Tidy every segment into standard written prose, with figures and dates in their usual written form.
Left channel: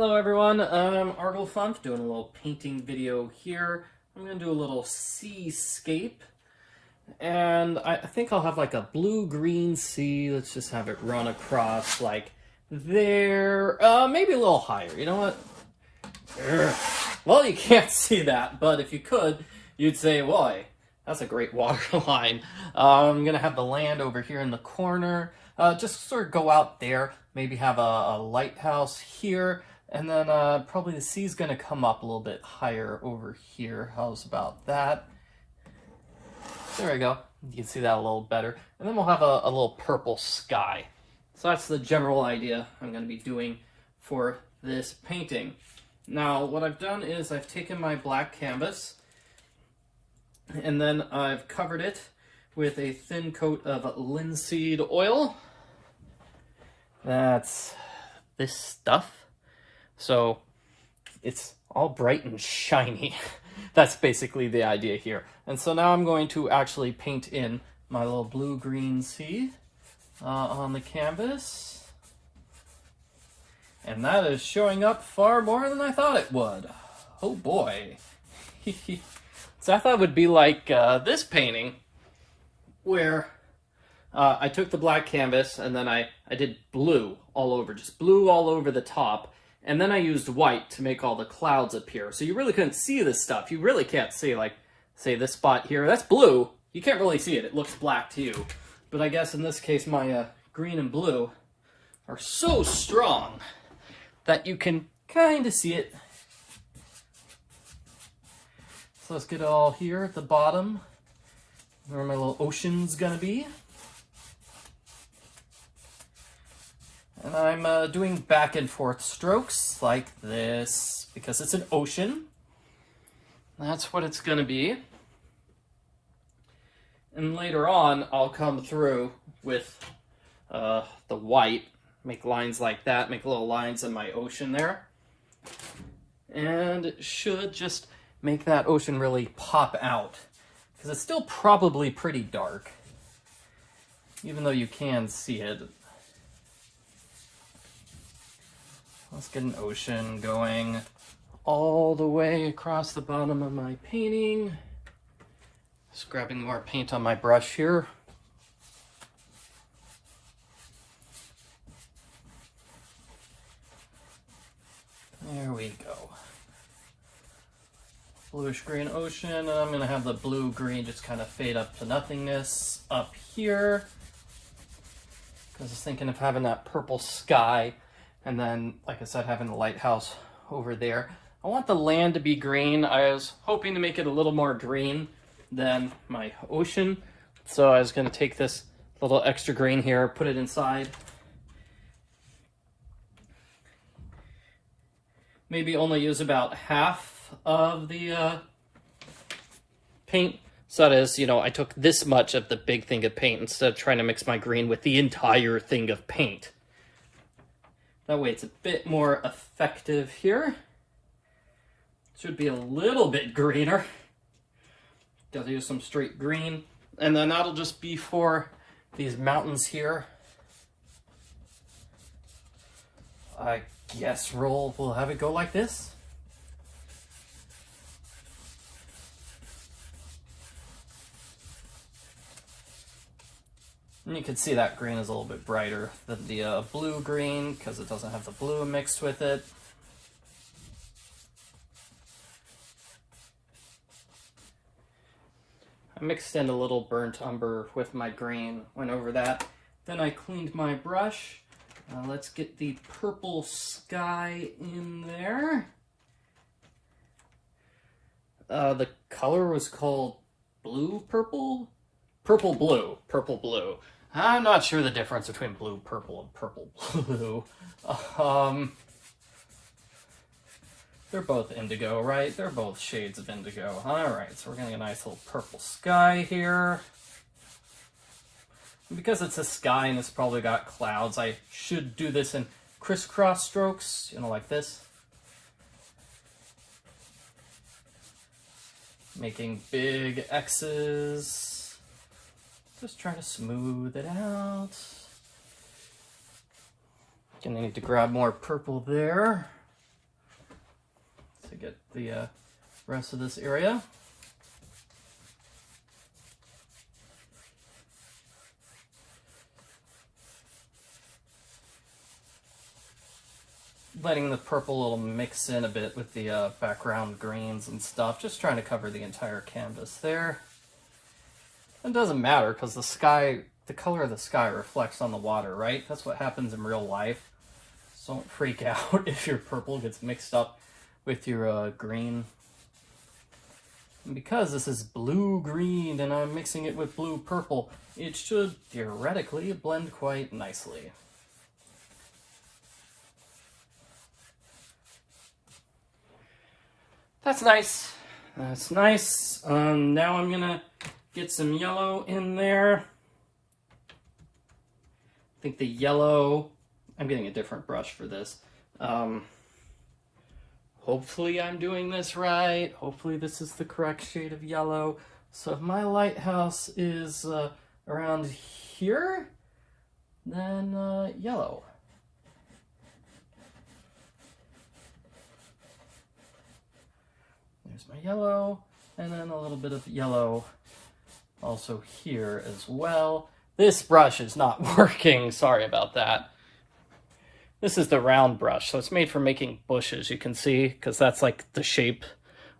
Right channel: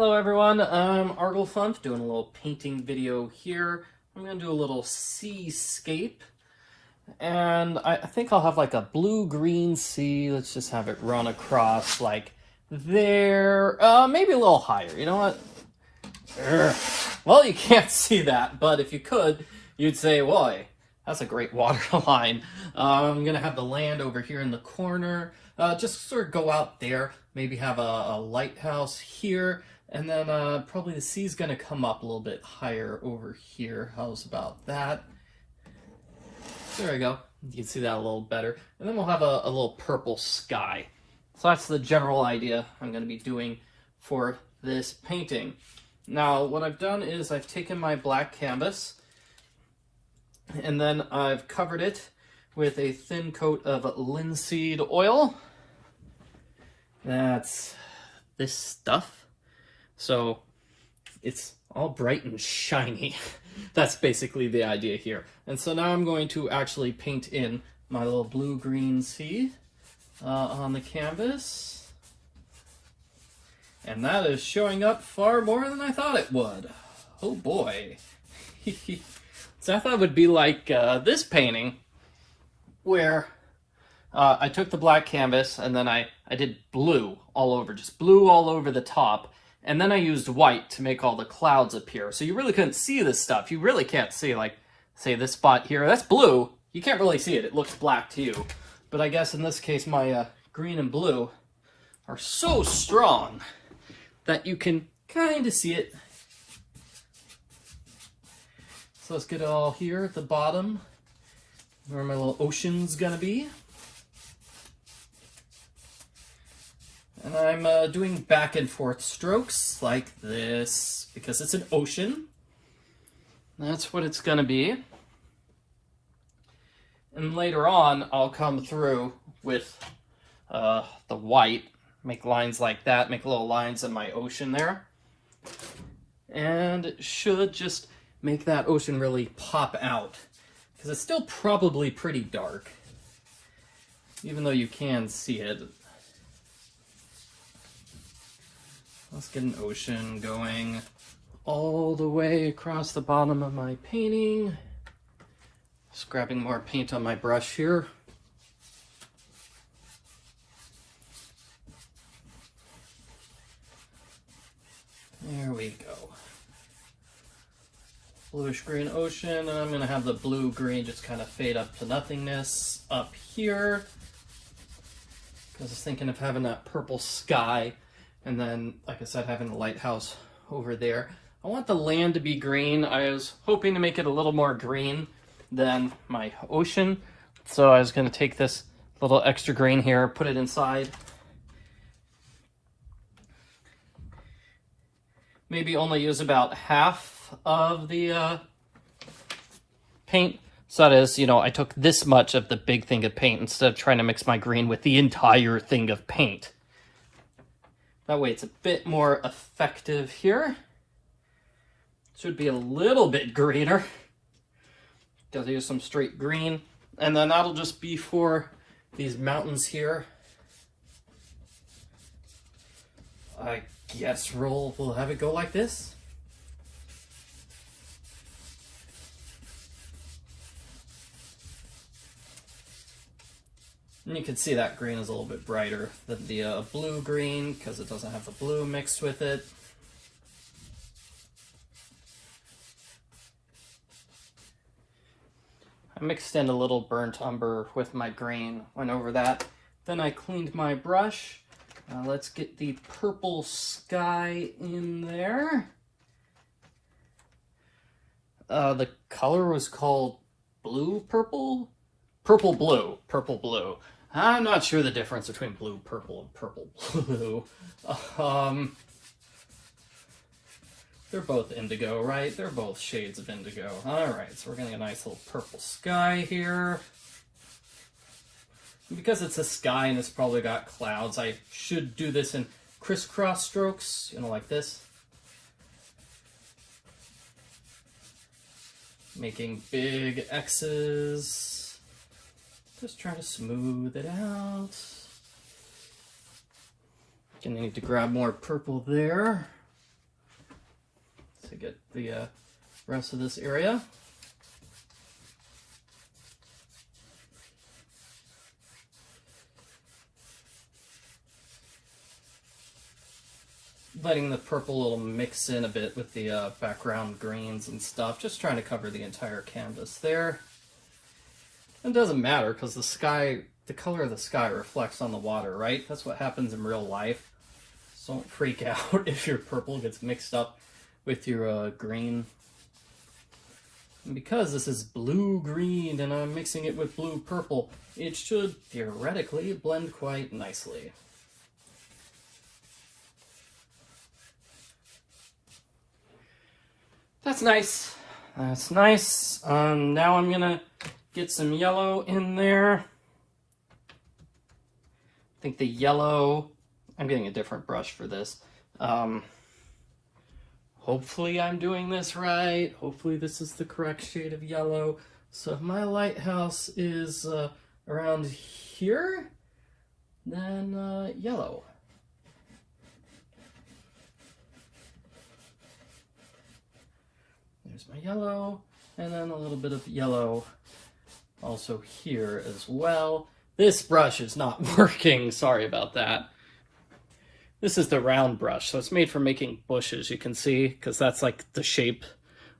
Hello everyone, I'm Arglefump doing a little painting video here. I'm going to do a little seascape, and I think I'll have like a blue-green sea. Let's just have it run across like there, maybe a little higher, you know what? Well, you can't see that, but if you could, you'd say, boy, that's a great water line. I'm going to have the land over here in the corner, just sort of go out there, maybe have a lighthouse here. And then probably the sea's going to come up a little bit higher over here. How's about that? There we go. You can see that a little better. And then we'll have a little purple sky. So that's the general idea I'm going to be doing for this painting. Now, what I've done is I've taken my black canvas and then I've covered it with a thin coat of linseed oil. That's this stuff. So it's all bright and shiny. That's basically the idea here. And so now I'm going to actually paint in my little blue-green sea on the canvas. And that is showing up far more than I thought it would. Oh boy. So I thought it would be like this painting where I took the black canvas and then I did blue all over, just blue all over the top. And then I used white to make all the clouds appear. So you really couldn't see this stuff. You really can't see, like, say this spot here. That's blue. You can't really see it. It looks black to you. But I guess in this case, my green and blue are so strong that you can kind of see it. So let's get it all here at the bottom, where my little ocean's gonna be. And I'm doing back and forth strokes like this because it's an ocean. That's what it's going to be. And later on, I'll come through with the white, make lines like that, make little lines in my ocean there. And it should just make that ocean really pop out because it's still probably pretty dark, even though you can see it. Let's get an ocean going all the way across the bottom of my painting. Just grabbing more paint on my brush here. There we go. Bluish green ocean, and I'm going to have the blue-green just kind of fade up to nothingness up here. Because I was thinking of having that purple sky. And then, like I said, having the lighthouse over there. I want the land to be green. I was hoping to make it a little more green than my ocean. So I was going to take this little extra green here, put it inside. Maybe only use about half of the paint. So that is, you know, I took this much of the big thing of paint instead of trying to mix my green with the entire thing of paint. That way it's a bit more effective here. Should be a little bit greener. Gotta use some straight green. And then that'll just be for these mountains here. I guess we'll have it go like this. And you can see that green is a little bit brighter than the blue-green because it doesn't have the blue mixed with it. I mixed in a little burnt umber with my green, went over that. Then I cleaned my brush. Let's get the purple sky in there. The color was called blue-purple? Purple-blue. Purple-blue. I'm not sure the difference between blue-purple and purple-blue. They're both indigo, right? They're both shades of indigo. Alright, so we're getting a nice little purple sky here. And because it's a sky and it's probably got clouds, I should do this in crisscross strokes, you know, like this. Making big X's. Just trying to smooth it out. Gonna need to grab more purple there. to get the rest of this area. Letting the purple little mix in a bit with the background greens and stuff, just trying to cover the entire canvas there. It doesn't matter because the sky, the color of the sky reflects on the water, right? That's what happens in real life. So don't freak out if your purple gets mixed up with your green. And because this is blue-green and I'm mixing it with blue-purple, it should theoretically blend quite nicely. That's nice. That's nice. Now I'm gonna get some yellow in there. I think the yellow, I'm getting a different brush for this. Hopefully I'm doing this right. Hopefully this is the correct shade of yellow. So if my lighthouse is around here, then yellow. There's my yellow, and then a little bit of yellow also here as well. This brush is not working, sorry about that. This is the round brush, so it's made for making bushes, you can see, because that's like the shape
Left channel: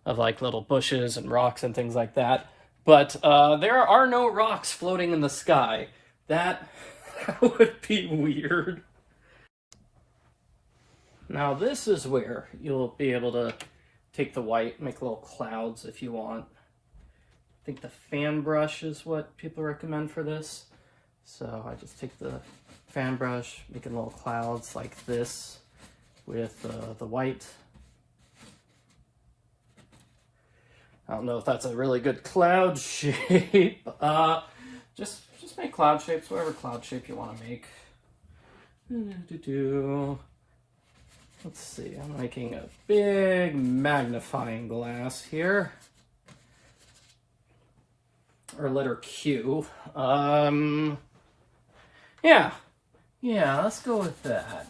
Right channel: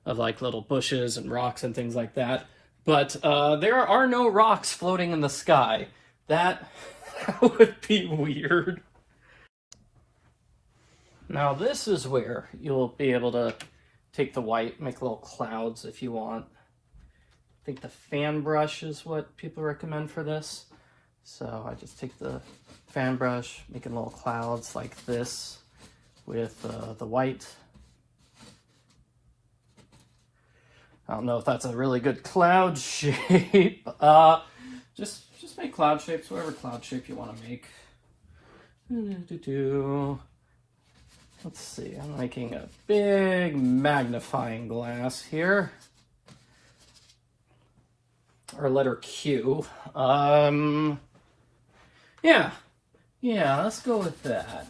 of like little bushes and rocks and things like that. But there are no rocks floating in the sky. That would be weird. Now this is where you'll be able to take the white, make little clouds if you want. I think the fan brush is what people recommend for this. So I just take the fan brush, making little clouds like this with the white. I don't know if that's a really good cloud shape. Just make cloud shapes, whatever cloud shape you want to make. Let's see, I'm making a big magnifying glass here. Or letter Q. Yeah, let's go with that.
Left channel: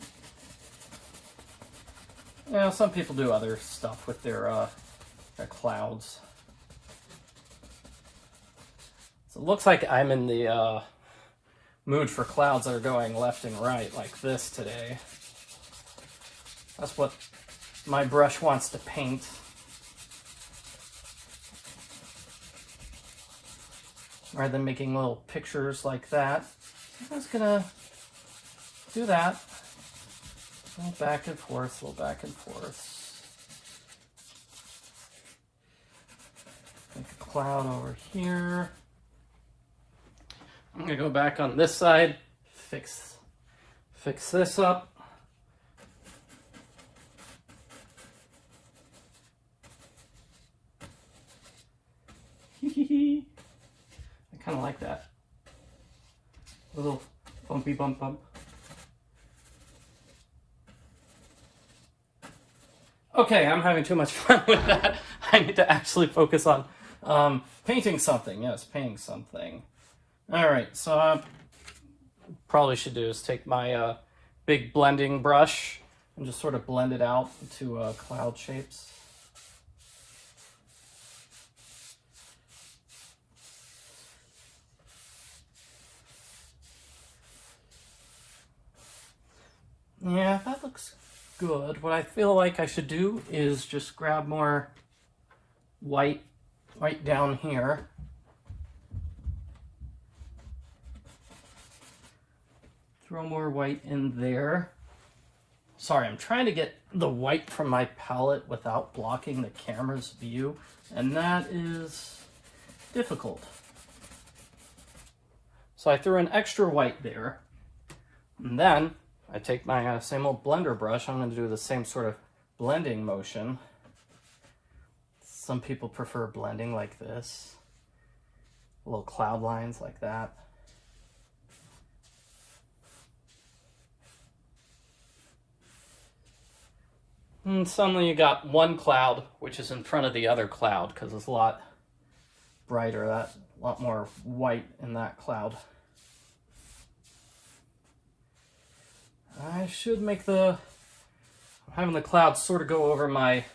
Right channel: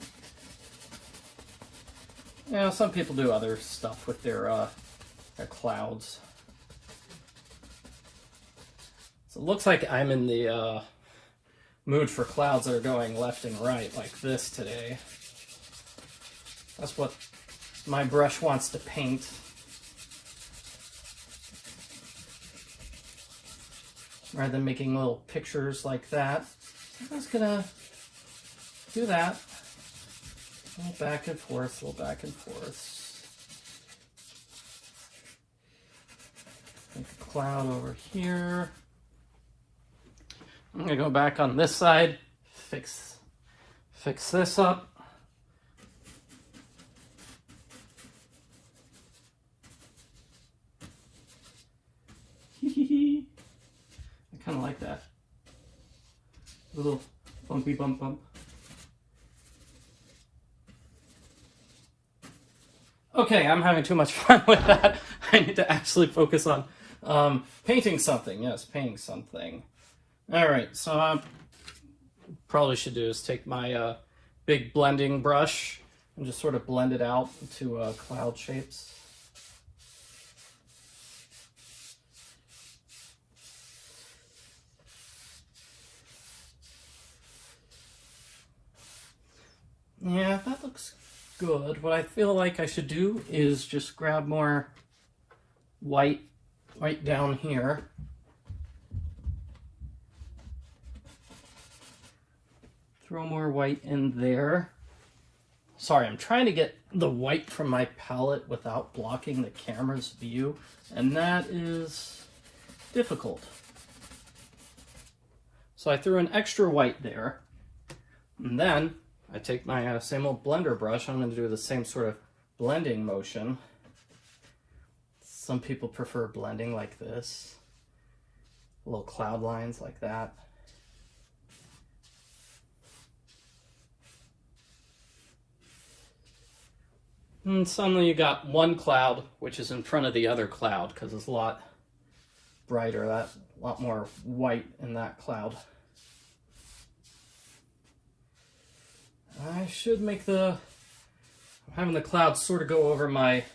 You know, some people do other stuff with their clouds. So it looks like I'm in the mood for clouds that are going left and right like this today. That's what my brush wants to paint. Rather than making little pictures like that. So I'm just gonna do that. A little back and forth, a little back and forth. Make a cloud over here. I'm gonna go back on this side, fix this up. I kind of like that. A little bumpy bump. Okay, I'm having too much fun with that. I need to actually focus on painting something. Yes, painting something. All right, so I probably should do is take my big blending brush and just sort of blend it out into cloud shapes. Yeah, that looks good. What I feel like I should do is just grab more white right down here. Throw more white in there. Sorry, I'm trying to get the white from my palette without blocking the camera's view, and that is difficult. So I threw an extra white there, and then I take my same old blender brush. I'm going to do the same sort of blending motion. Some people prefer blending like this. Little cloud lines like that. And suddenly you got one cloud, which is in front of the other cloud, because it's a lot brighter, a lot more white in that cloud. I should make having the clouds sort of go over my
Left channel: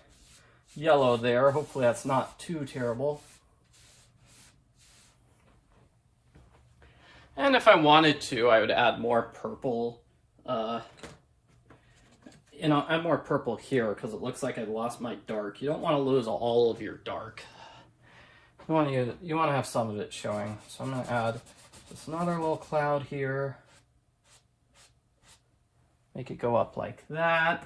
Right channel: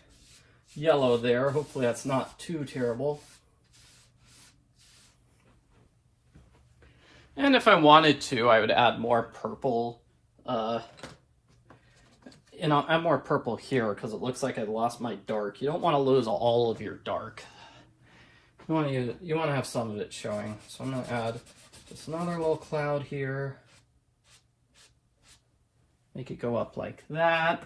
yellow there. Hopefully that's not too terrible. And if I wanted to, I would add more purple. Add more purple here because it looks like I lost my dark. You don't want to lose all of your dark. You want to have some of it showing. So I'm going to add just another little cloud here. Make it go up like that.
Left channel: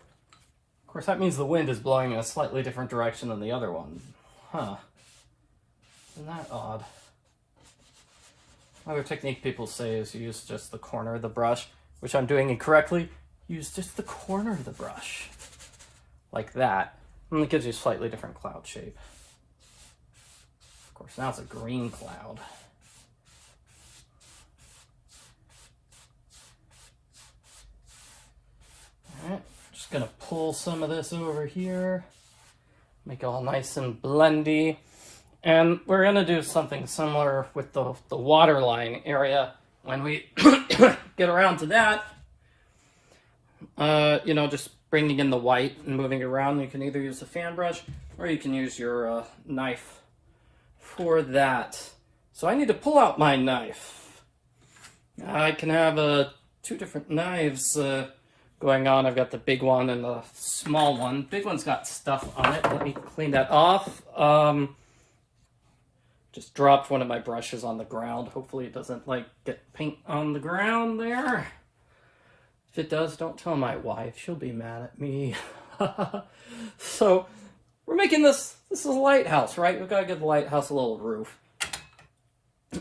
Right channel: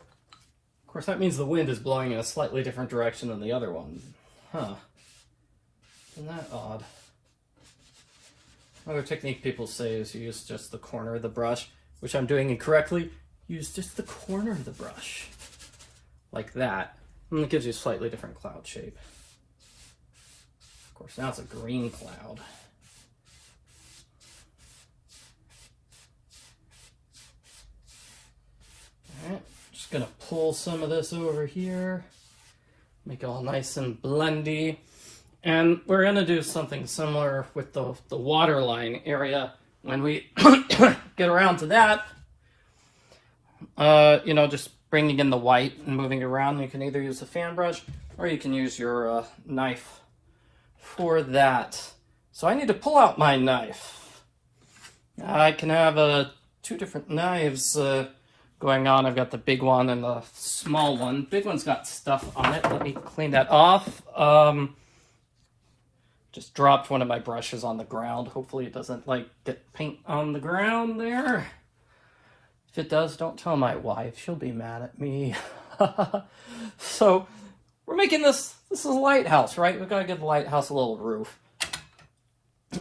Of course, that means the wind is blowing in a slightly different direction than the other one. Huh. Isn't that odd? Another technique people say is use just the corner of the brush, which I'm doing incorrectly. Use just the corner of the brush, like that, and it gives you a slightly different cloud shape. Of course, now it's a green cloud. All right, just gonna pull some of this over here, make it all nice and blendy. And we're gonna do something similar with the waterline area when we get around to that. Just bringing in the white and moving it around. You can either use a fan brush or you can use your knife for that. So I need to pull out my knife. I can have two different knives going on. I've got the big one and the small one. Big one's got stuff on it. Let me clean that off. Just dropped one of my brushes on the ground. Hopefully it doesn't get paint on the ground there. If it does, don't tell my wife. She'll be mad at me. So we're making this is a lighthouse, right? We've got to give the lighthouse a little roof.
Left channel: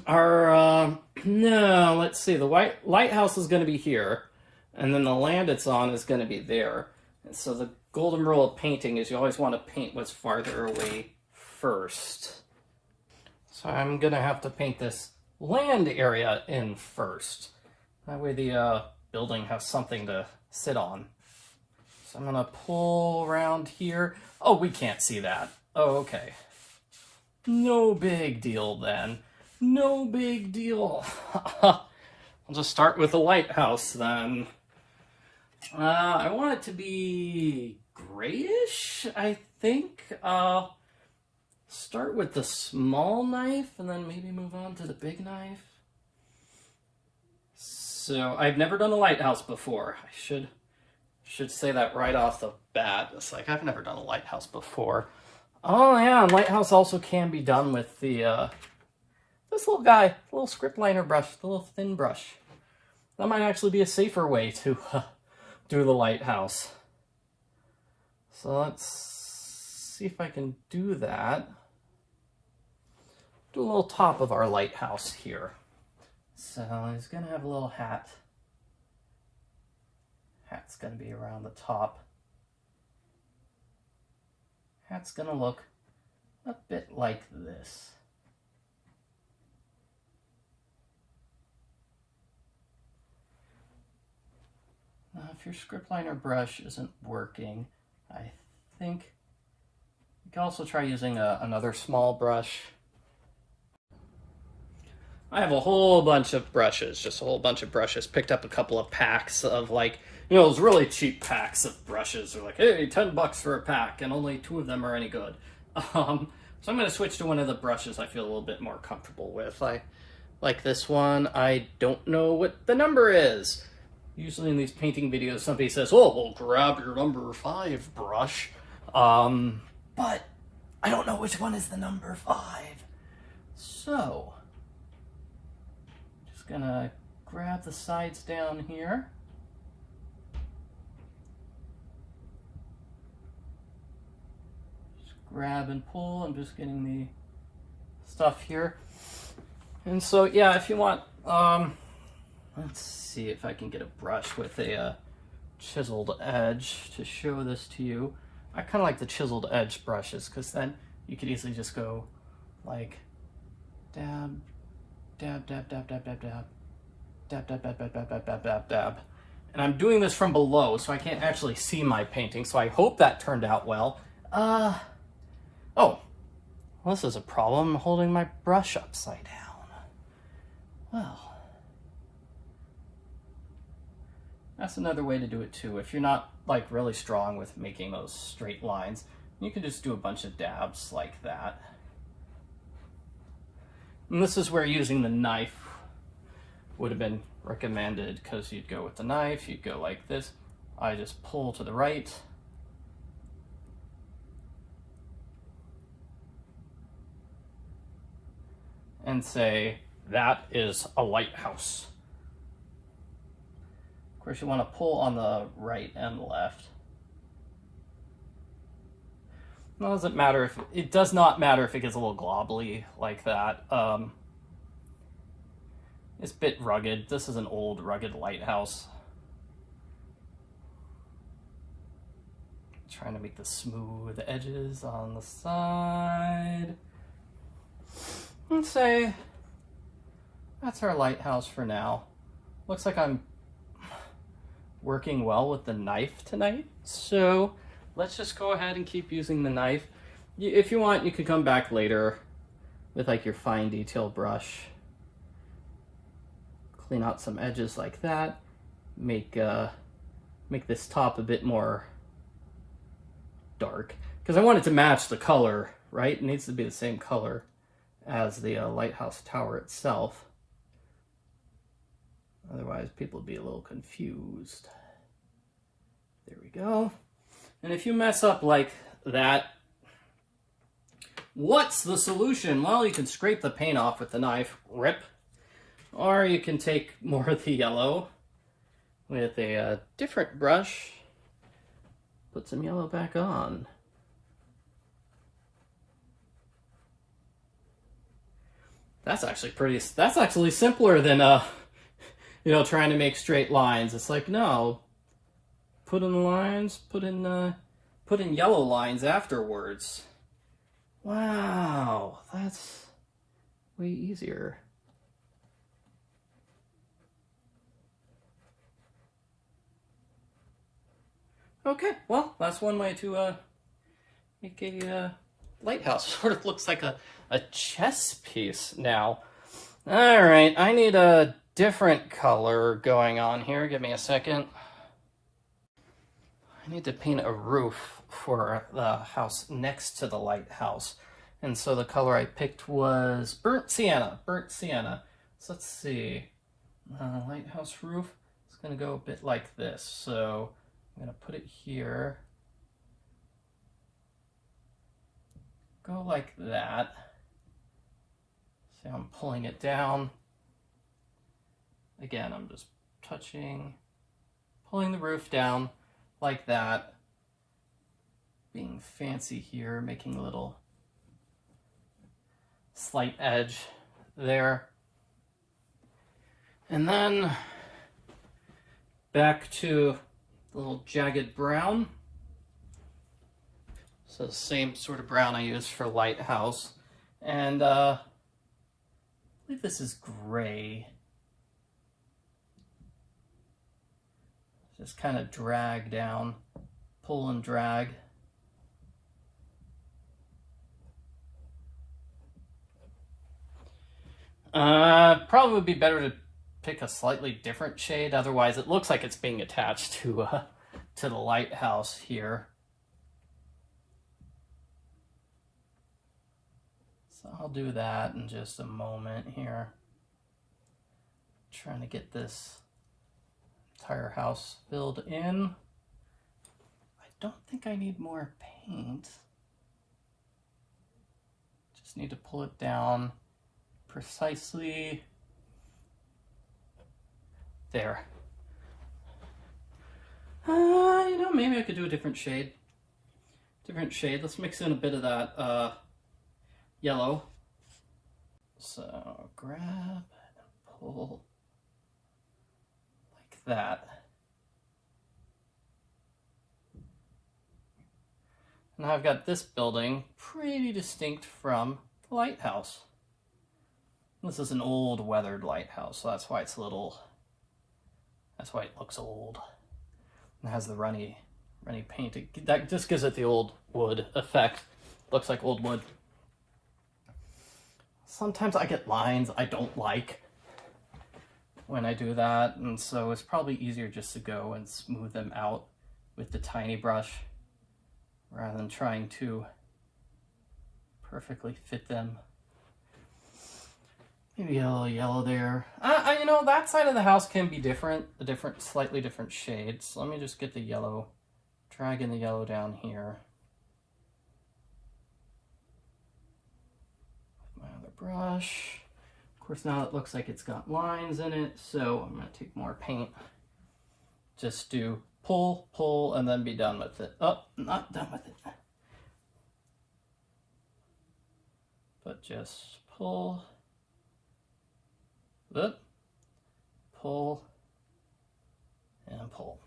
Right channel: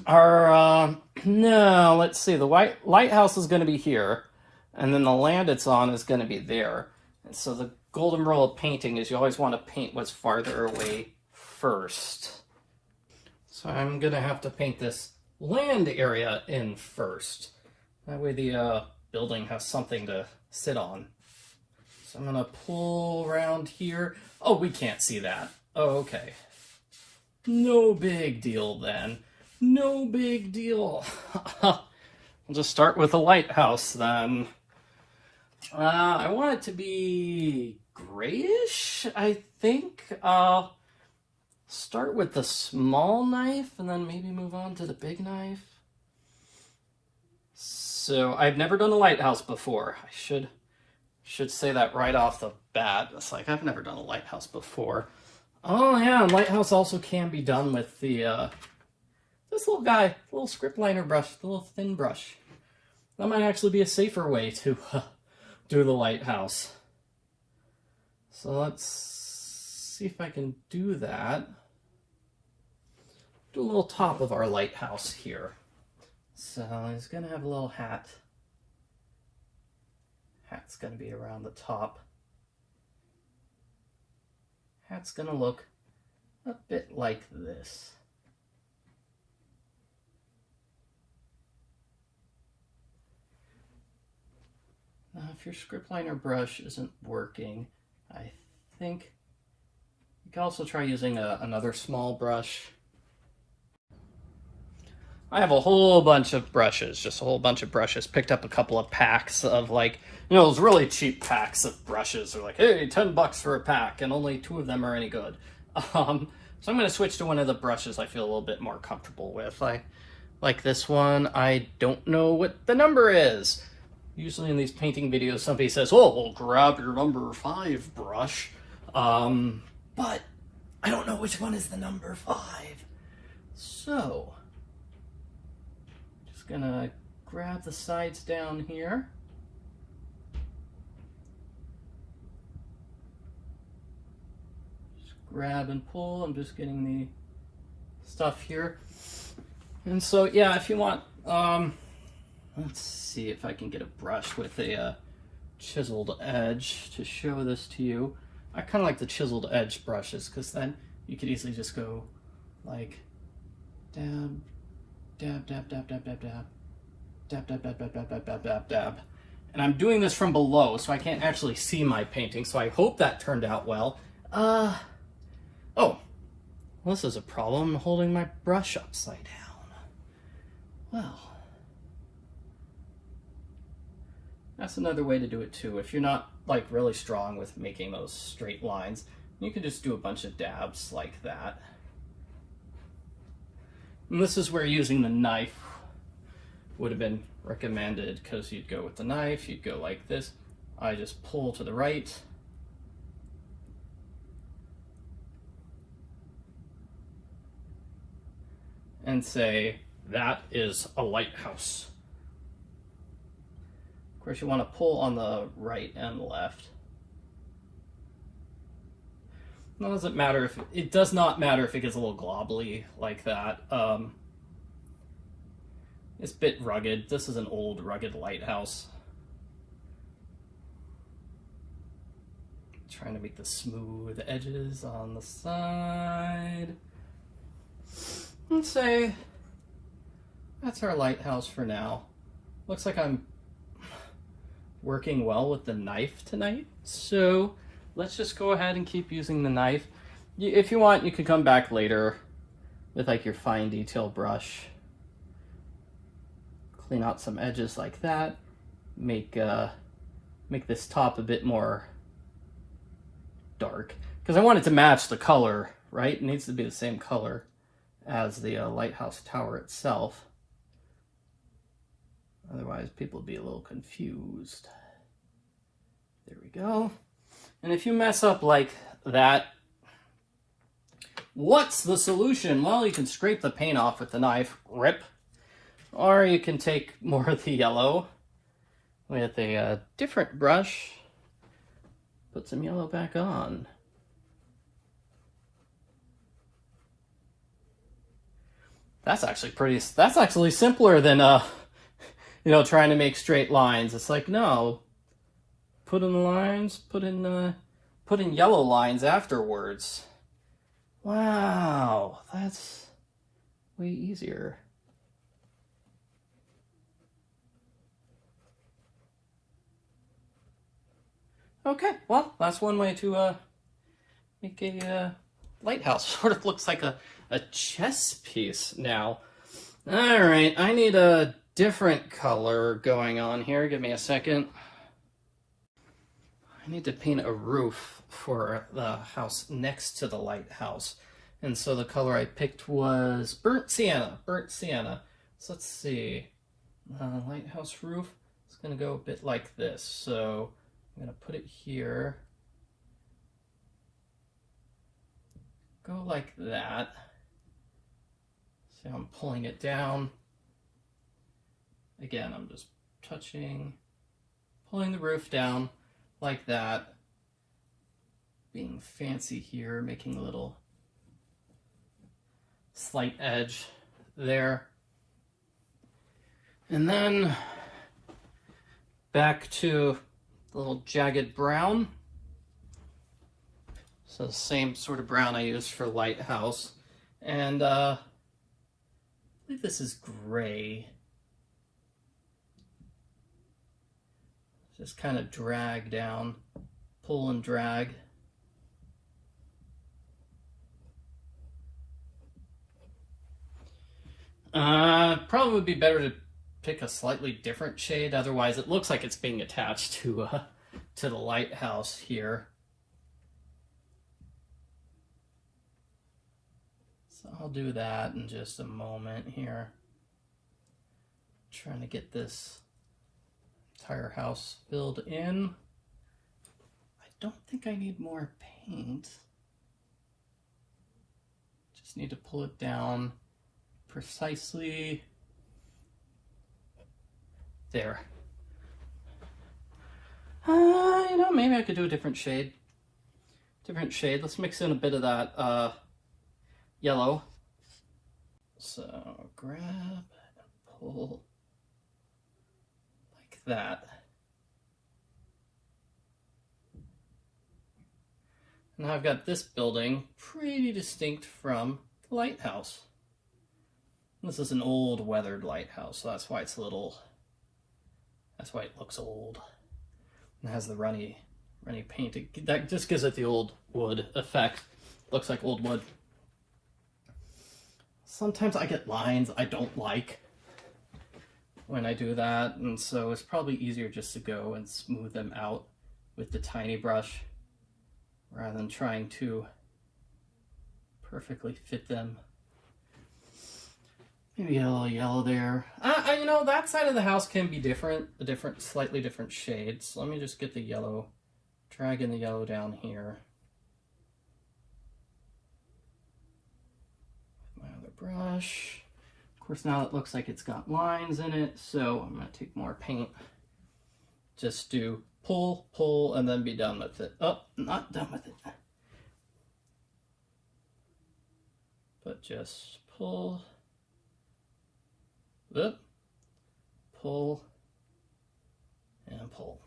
No, let's see. The lighthouse is going to be here, and then the land it's on is going to be there. And so the golden rule of painting is you always want to paint what's farther away first. So I'm going to have to paint this land area in first. That way the building has something to sit on. So I'm going to pull around here. Oh, we can't see that. Oh, okay. No big deal then. No big deal. I'll just start with a lighthouse then. I want it to be grayish, I think. Start with the small knife and then maybe move on to the big knife. So I've never done a lighthouse before. I should say that right off the bat. It's like I've never done a lighthouse before. Oh yeah, and lighthouse also can be done with the this little guy, the little script liner brush, the little thin brush. That might actually be a safer way to do the lighthouse. So let's see if I can do that. Do a little top of our lighthouse here. So he's gonna have a little hat. Hat's gonna be around the top. Hat's gonna look a bit like this. If your script liner brush isn't working, I think you can also try using another small brush. I have a whole bunch of brushes, just a whole bunch of brushes. Picked up a couple of packs of those really cheap packs of brushes. They're like, hey, $10 for a pack, and only 2 of them are any good. So I'm going to switch to one of the brushes I feel a little bit more comfortable with. I like this one. I don't know what the number is. Usually in these painting videos, somebody says, oh, well, grab your number 5 brush. But I don't know which one is the number 5. So gonna grab the sides down here. Just grab and pull. I'm just getting the stuff here. And so, yeah, if you want, let's see if I can get a brush with a chiseled edge to show this to you. I kind of like the chiseled edge brushes because then you could easily just go like dab, dab, dab, dab, dab, dab, dab, dab, dab, dab, dab, dab, dab, dab, dab, dab. And I'm doing this from below, so I can't actually see my painting, so I hope that turned out well. Oh, well, this is a problem. I'm holding my brush upside down. Well, that's another way to do it too. If you're not really strong with making those straight lines, You can just do a bunch of dabs like that. And this is where using the knife would have been recommended, because you'd go with the knife, you'd go like this. I just pull to the right. And say, that is a lighthouse. Of course, you want to pull on the right and left. It does not matter if it gets a little globbly like that. It's a bit rugged. This is an old rugged lighthouse. Trying to make the smooth edges on the side. And say, that's our lighthouse for now. Looks like I'm working well with the knife tonight. So let's just go ahead and keep using the knife. If you want, you could come back later with like your fine detail brush. Clean out some edges like that. Make this top a bit more dark, because I want it to match the color, right? It needs to be the same color as the lighthouse tower itself. Otherwise, people would be a little confused. There we go. And if you mess up like that, what's the solution? Well, you can scrape the paint off with the knife, rip. Or you can take more of the yellow with a different brush, put some yellow back on. That's actually simpler than trying to make straight lines. It's like, no, put in the lines, put in yellow lines afterwards. Wow, that's way easier. Okay, well, that's one way to make a lighthouse. Sort of looks like a chess piece now. All right, I need a different color going on here. Give me a second. I need to paint a roof for the house next to the lighthouse. And so the color I picked was burnt sienna. So let's see. Lighthouse roof is going to go a bit like this. So I'm going to put it here. Go like that. See how I'm pulling it down. Again, I'm just pulling the roof down like that. Being fancy here, making a little slight edge there. And then back to the little jagged brown. So the same sort of brown I used for lighthouse. And I believe this is gray. Just kind of drag down, pull and drag. Probably would be better to pick a slightly different shade, otherwise it looks like it's being attached to the lighthouse here. So I'll do that in just a moment here. Trying to get this entire house filled in. I don't think I need more paint. Just need to pull it down precisely there. Maybe I could do a different shade. Let's mix in a bit of that yellow. So grab and pull like that. Now I've got this building pretty distinct from the lighthouse. This is an old weathered lighthouse, so that's why it looks old. It has the runny paint. That just gives it the old wood effect. Looks like old wood. Sometimes I get lines I don't like when I do that, and so it's probably easier just to go and smooth them out with the tiny brush. rather than trying to perfectly fit them. Maybe get a little yellow there. You know, that side of the house can be different, slightly different shades. So let me just get the yellow, dragging the yellow down here. My other brush. Of course, now it looks like it's got lines in it, so I'm going to take more paint. Just do pull, pull, and then be done with it. Oh, not done with it. But just pull, pull, and pull.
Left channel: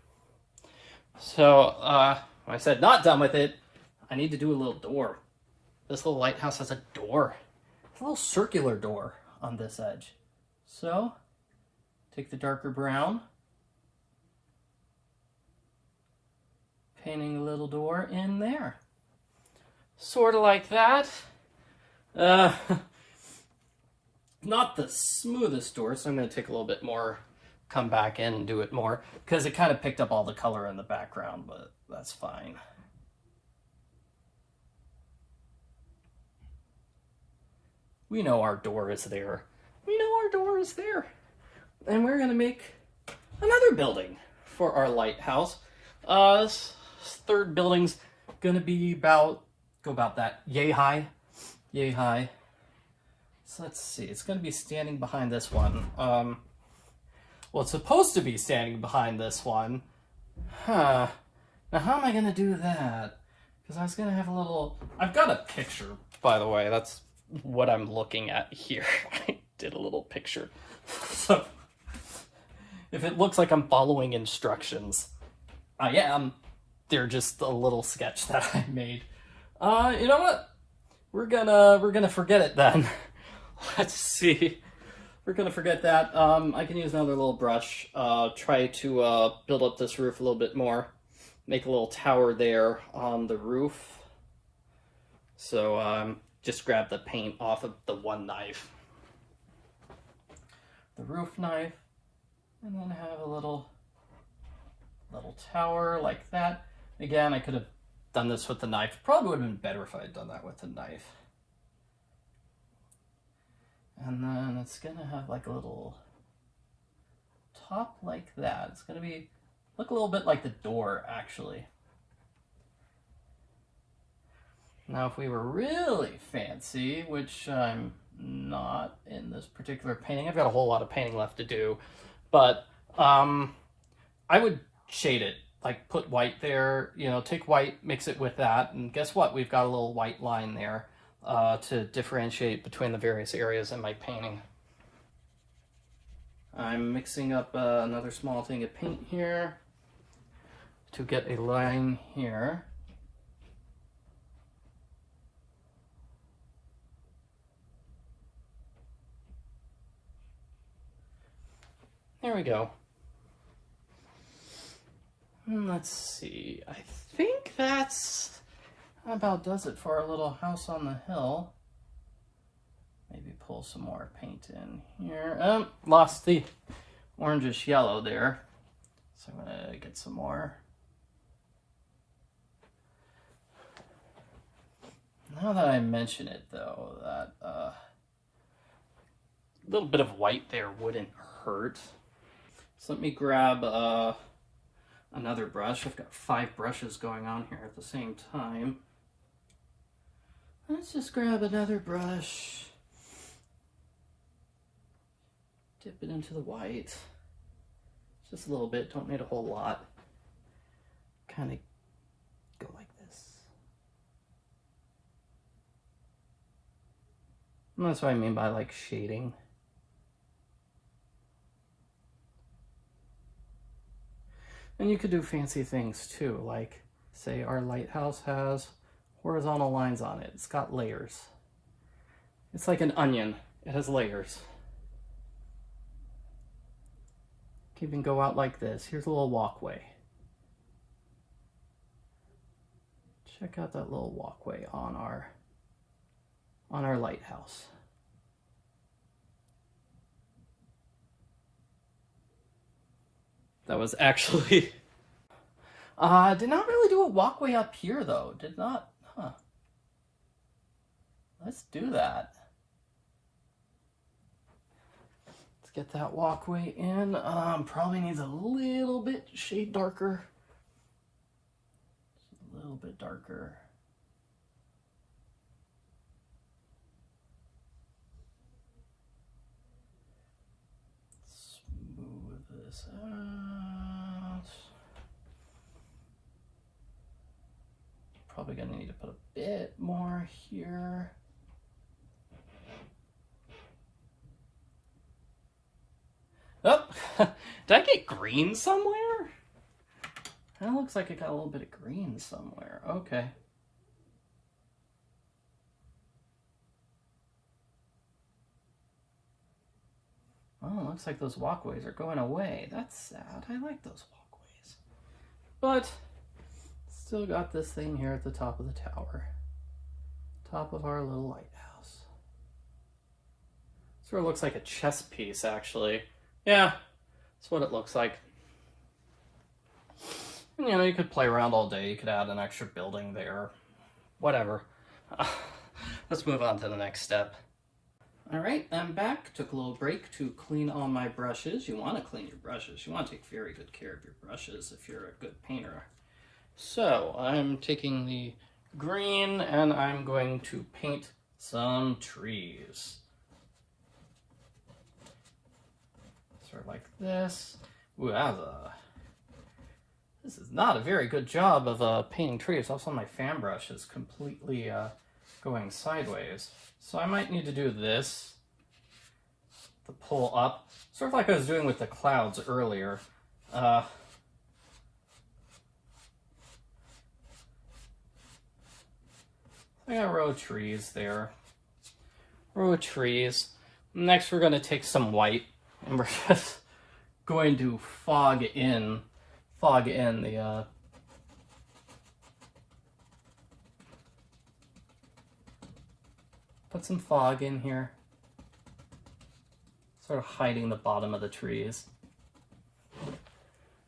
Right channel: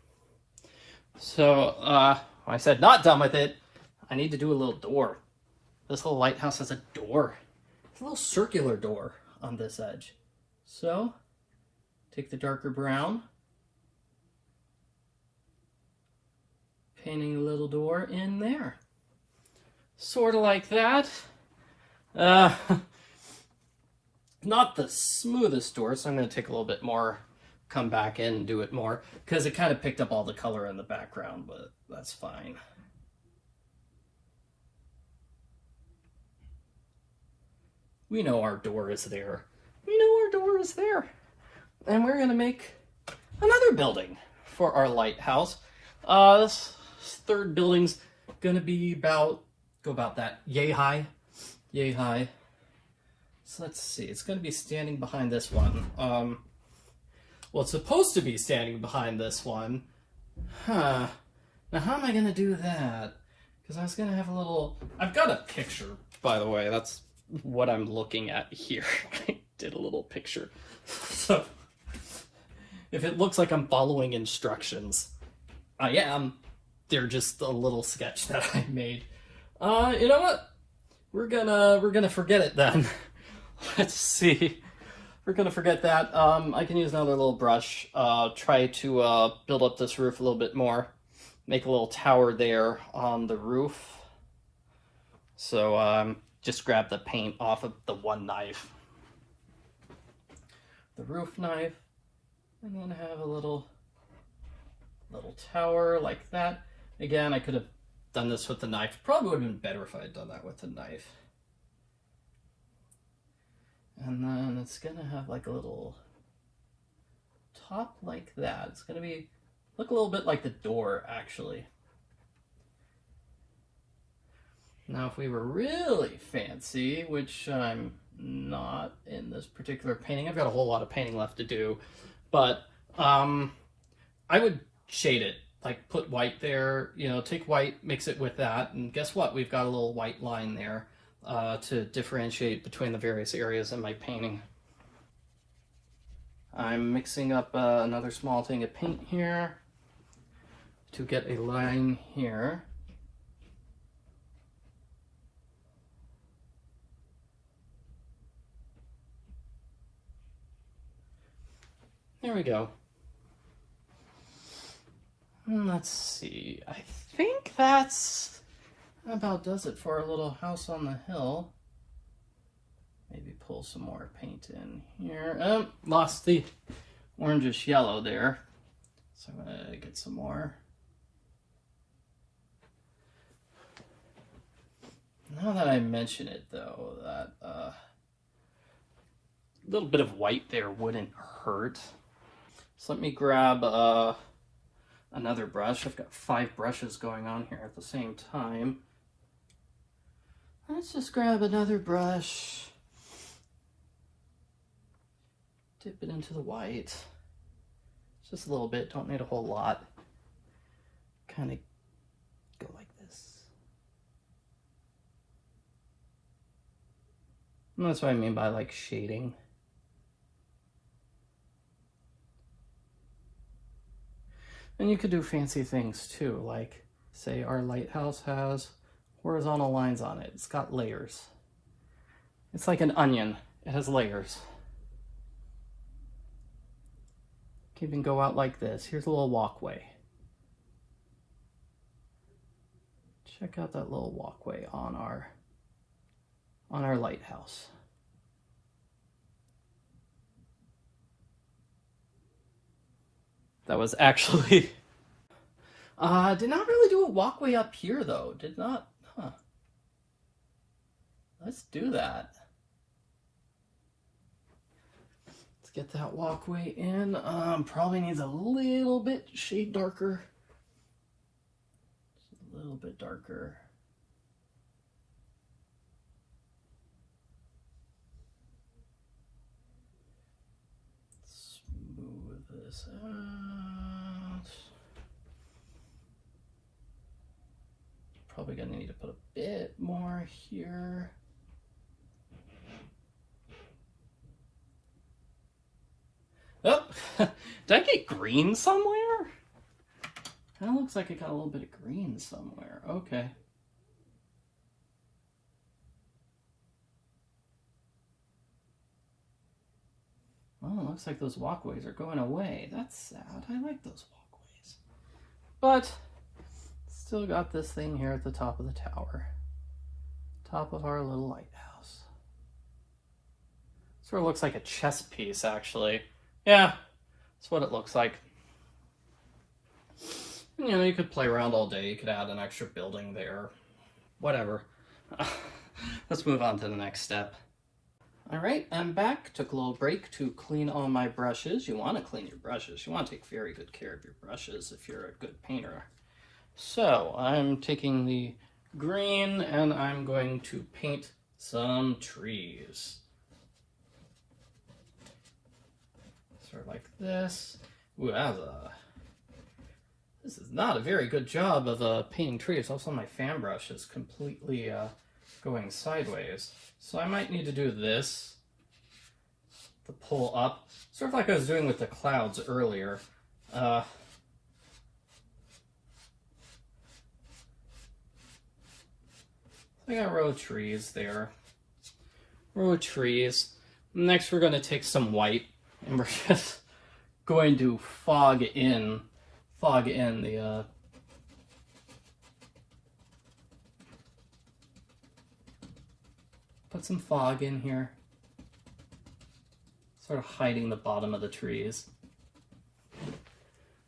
So, when I said not done with it, I need to do a little door. This little lighthouse has a door. It's a little circular door on this edge. So, take the darker brown, painting a little door in there. Sort of like that. Not the smoothest door, so I'm going to take a little bit more, come back in and do it more, because it kind of picked up all the color in the background, but that's fine. We know our door is there. We know our door is there. And we're going to make another building for our lighthouse. This third building's going to be about that, yay high. Yay high. So let's see, it's going to be standing behind this one. Well, it's supposed to be standing behind this one. Now how am I going to do that? Because I was going to have a little... I've got a picture, by the way. That's what I'm looking at here. I did a little picture. So, if it looks like I'm following instructions, I am. They're just a little sketch that I made. You know what? We're gonna forget it then. Let's see. We're gonna forget that. I can use another little brush. Try to build up this roof a little bit more. Make a little tower there on the roof. So just grab the paint off of the one knife, the roof knife, and then have a little tower like that. Again, I could have done this with the knife. Probably would have been better if I had done that with the knife. And then it's gonna have like a little top like that. It's gonna look a little bit like the door, actually. Now, if we were really fancy, which I'm not in this particular painting, I've got a whole lot of painting left to do, but I would shade it. Like put white there, you know, take white, mix it with that, and guess what? We've got a little white line there to differentiate between the various areas in my painting. I'm mixing up another small thing of paint here to get a line here. There we go. Let's see, I think that's about does it for our little house on the hill. Maybe pull some more paint in here. Oh, lost the orangish yellow there. So I'm gonna get some more. Now that I mention it though, that a little bit of white there wouldn't hurt. So let me grab another brush. I've got 5 brushes going on here at the same time. Let's just grab another brush. Dip it into the white. Just a little bit, don't need a whole lot. Kind of go like this. And that's what I mean by like shading. And you could do fancy things too, like say our lighthouse has horizontal lines on it. It's got layers. It's like an onion. It has layers. You can even go out like this. Here's a little walkway. Check out that little walkway on our lighthouse. That was actually Did not really do a walkway up here though. Did not, huh. Let's do that. Let's get that walkway in. Probably needs a little bit shade darker. Just a little bit darker. Smooth this out. Probably gonna need to put a bit more here. Oh, did I get green somewhere? That looks like it got a little bit of green somewhere. Okay. Well, it looks like those walkways are going away. That's sad. I like those walkways. But still got this thing here at the top of the tower. Top of our little lighthouse. Sort of looks like a chess piece, actually. Yeah, that's what it looks like. And, you know, you could play around all day. You could add an extra building there. Whatever. Let's move on to the next step. All right, I'm back. Took a little break to clean all my brushes. You want to clean your brushes. You want to take very good care of your brushes if you're a good painter. So I'm taking the green and I'm going to paint some trees. Sort of like this. Ooh, this is not a very good job of painting trees. Also, my fan brush is completely going sideways. So I might need to do this to pull up, sort of like I was doing with the clouds earlier. I got a row of trees there. Row of trees. Next we're going to take some white and we're just going to fog in the put some fog in here, sort of hiding the bottom of the trees,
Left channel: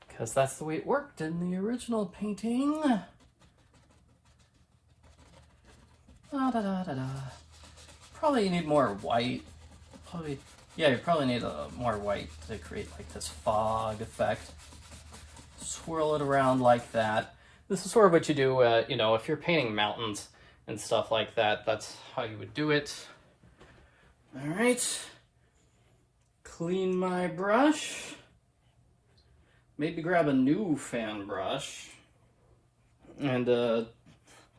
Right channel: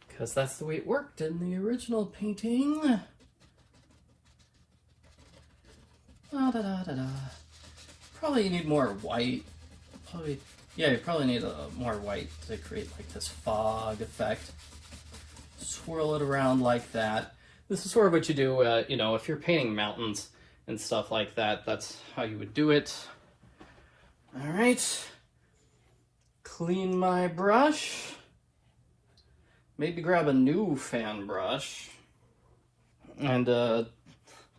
because that's the way it worked in the original painting. Probably you need more white. Yeah, you probably need more white to create like this fog effect. Swirl it around like that. This is sort of what you do, you know, if you're painting mountains and stuff like that. That's how you would do it. All right. Clean my brush. Maybe grab a new fan brush. And we'll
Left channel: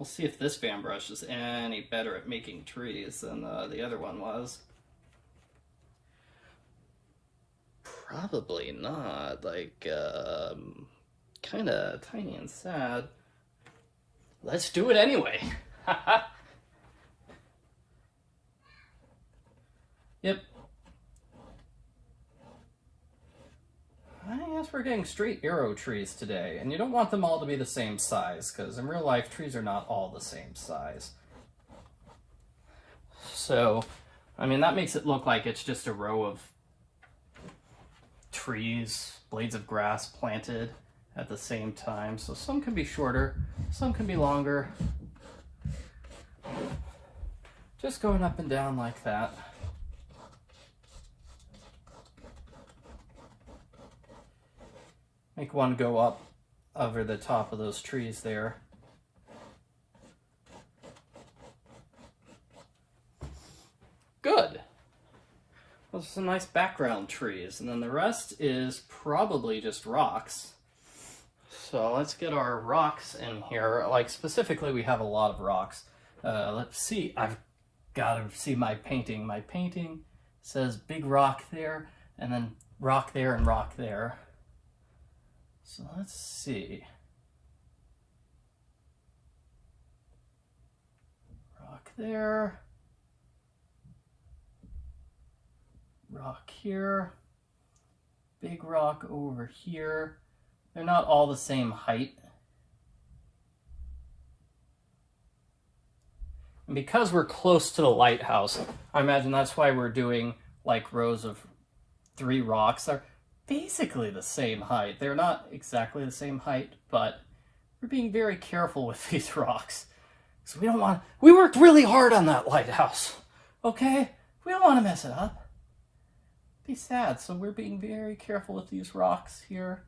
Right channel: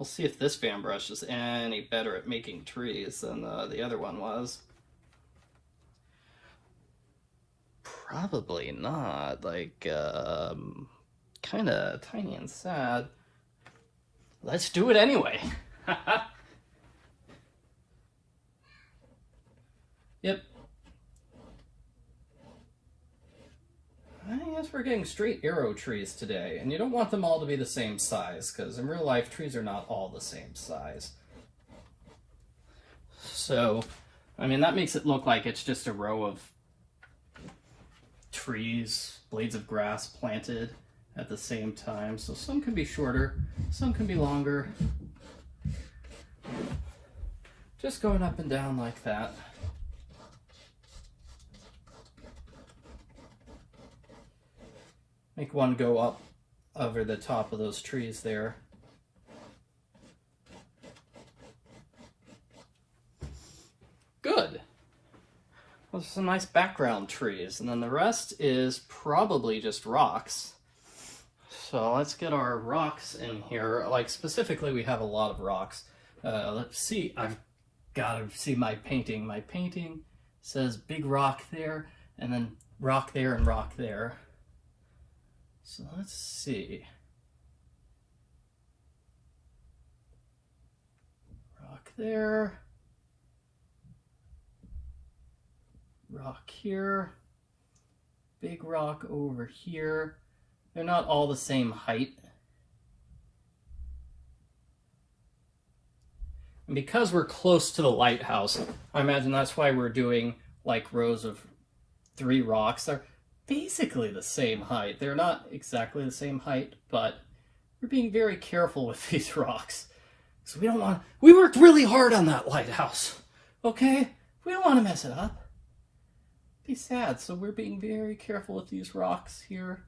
see if this fan brush is any better at making trees than the other one was. Probably not. Like, kind of tiny and sad. Let's do it anyway. Yep. I guess we're getting straight arrow trees today, and you don't want them all to be the same size, because in real life, trees are not all the same size. So, I mean, that makes it look like it's just a row of trees, blades of grass planted at the same time. So some can be shorter, some can be longer. Just going up and down like that. Make one go up over the top of those trees there. Good. Those are some nice background trees, and then the rest is probably just rocks. So let's get our rocks in here. Like specifically, we have a lot of rocks. Let's see, I've got to see my painting. My painting says big rock there, and then rock there and rock there. So let's see. Rock there. Rock here. Big rock over here. They're not all the same height. And because we're close to the lighthouse, I imagine that's why we're doing like rows of 3 rocks. They're basically the same height. They're not exactly the same height, but we're being very careful with these rocks. So we worked really hard on that lighthouse, okay? We don't want to mess it up. Be sad, so we're being very careful with these rocks here.